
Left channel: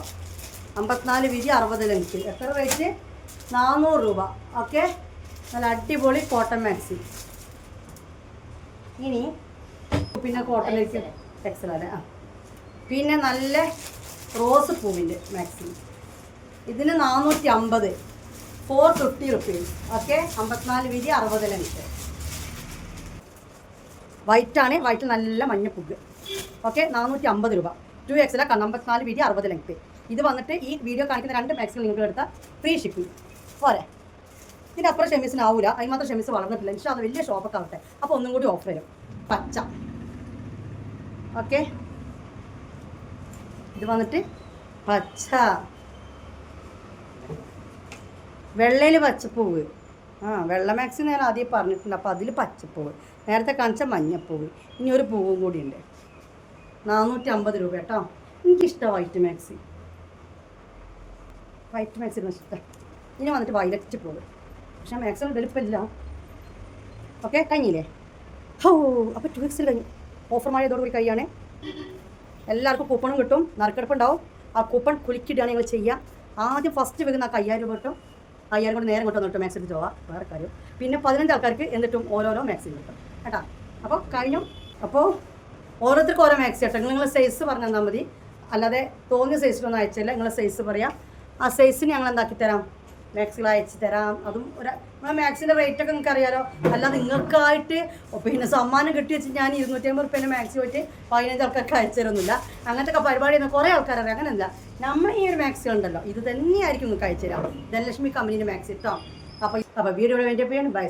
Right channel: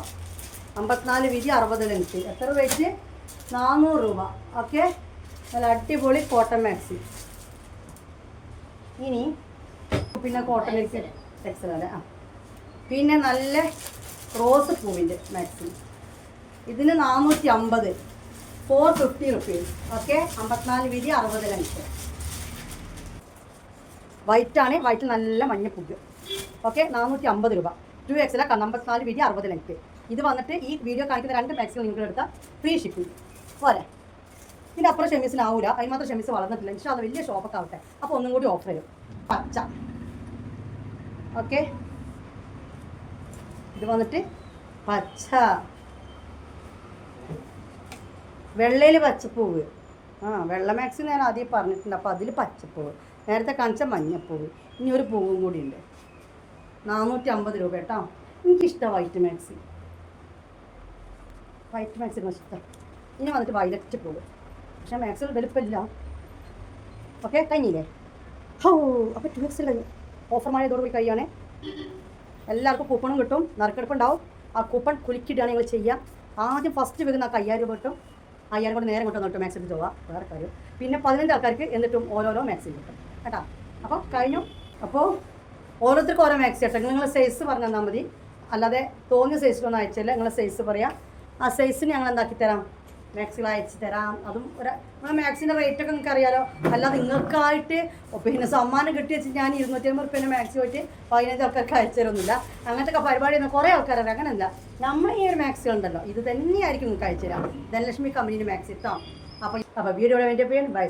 54 വീതി 60 ലെങ്ത്ത്. എത്ര റേറ്റ്? 400 രൂപ. ഓക്കെ, നല്ല അടിപൊളി കോട്ടൺ മാക്സി. ഇനി പിന്നെ കോട്ടൺ എക്സലാണ്. പിന്നെ നല്ല റോസ് പൂവിൻ്റെ മാക്സി. ഇതിന് 450, 450 റുപ്പീസ്. ഓക്കെ, 54 വീതി 60 ലെങ്ത്ത്. വൈറ്റാണ്. വൈറ്റ് നല്ല മഞ്ഞപ്പുഗ്. ഓക്കെ, 450 രൂപ. 2XL 54 വീതി 60 ലെങ്ത്ത്. ഇത് വന്നിട്ട് ഈ വീഡിയോ കാണിക്കുന്ന 2 മാക്സിമം നിങ്ങൾ എടുത്താൽ ഫ്രീ ഷിപ്പിംഗ് പോരെ. ഇതിൻ്റെ അപ്പുറം ഷെമീസിനാവില്ല. അതിന് ഷെമീസ് വളർന്നിട്ടില്ല. പക്ഷേ അത് വലിയ ഷോപ്പൊക്കെ ആവട്ടെ. അപ്പോൾ ഒന്നും കൂടി ഓഫർ വരും. പച്ച. ഓക്കെ, ഇത് വന്നിട്ട് പച്ച. വെള്ളയിൽ പച്ചപ്പൂവ്. വെള്ള മാക്സിന് ഞാൻ ആദ്യം പറഞ്ഞിട്ടുണ്ട്. അപ്പോൾ അതിൽ പച്ചപ്പൂവ്. നേരത്തെ കാണിച്ച മഞ്ഞപ്പൂവ്. ഇനി ഒരു പൂവും കൂടി ഉണ്ട്. 450 രൂപ കേട്ടോ. എനിക്കിഷ്ടമാണ് വൈറ്റ് മാക്സി. വൈറ്റ് മാക്സി ഇഷ്ടം. ഇനി വന്നിട്ട് വയലറ്റ് പൂവ്. പക്ഷേ മാക്സിമം വലുപ്പമില്ല. ഓക്കെ, കഴിഞ്ഞില്ലേ? അപ്പോൾ 2XL കഴിഞ്ഞു. ഓഫർ മായതോടുകൂടി കഴിയാണ്. എല്ലാവർക്കും കൂപ്പണും കിട്ടും. നറുക്കെടുപ്പുണ്ടാവും. ആ കൂപ്പൺ കുലുക്കിയിട്ടാണ് നിങ്ങൾ ചെയ്യുക. ആദ്യം ഫസ്റ്റ് വെക്കുന്ന 5000 രൂപ കിട്ടും. 5000 കൂടെ നേരം കൊണ്ടുവന്നിട്ട് മാക്സി എടുത്ത് പോവാം. വേറെ കാര്യം. പിന്നെ 15 ആൾക്കാർക്ക് എന്നിട്ടും ഓരോരോ മാക്സി കിട്ടും കേട്ടോ. അപ്പോൾ കഴിഞ്ഞു. അപ്പോൾ ഓരോരുത്തർക്കും ഓരോ മാക്സി കേട്ടോ. നിങ്ങൾ സൈസ് പറഞ്ഞു തന്നാൽ മതി. അല്ലാതെ തോന്നിയ സൈസിലൊന്നും അയച്ചില്ല. നിങ്ങളെ സൈസ് പറയാം. ആ സൈസിന് ഞങ്ങൾ എന്താക്കി തരാം, മാക്സികൾ അയച്ചു തരാം. അതും മാക്സിൻ്റെ റേറ്റൊക്കെ നിങ്ങൾക്ക് അറിയാലോ. അല്ലാതെ നിങ്ങൾക്കായിട്ട് പിന്നെ സമ്മാനം കിട്ടി വെച്ച് ഞാൻ 250 റുപ്യേൻ്റെ മാക്സി പോയിട്ട് 15 ആൾക്കാർക്ക് അയച്ചു തരുന്നില്ല. അങ്ങനത്തെ പരിപാടി ചെയ്യുന്ന കുറേ ആൾക്കാരറിയാം. അങ്ങനെയല്ല, നമ്മൾ ഈ ഒരു മാക്സി ഉണ്ടല്ലോ, ഇത് തന്നെയായിരിക്കും നിങ്ങൾക്ക് അയച്ചു തരാം. ധനലക്ഷ്മി കമ്പനീൻ്റെ മാക്സി കേട്ടോ. അപ്പോൾ വീഡിയോ വേണ്ടി ബൈ.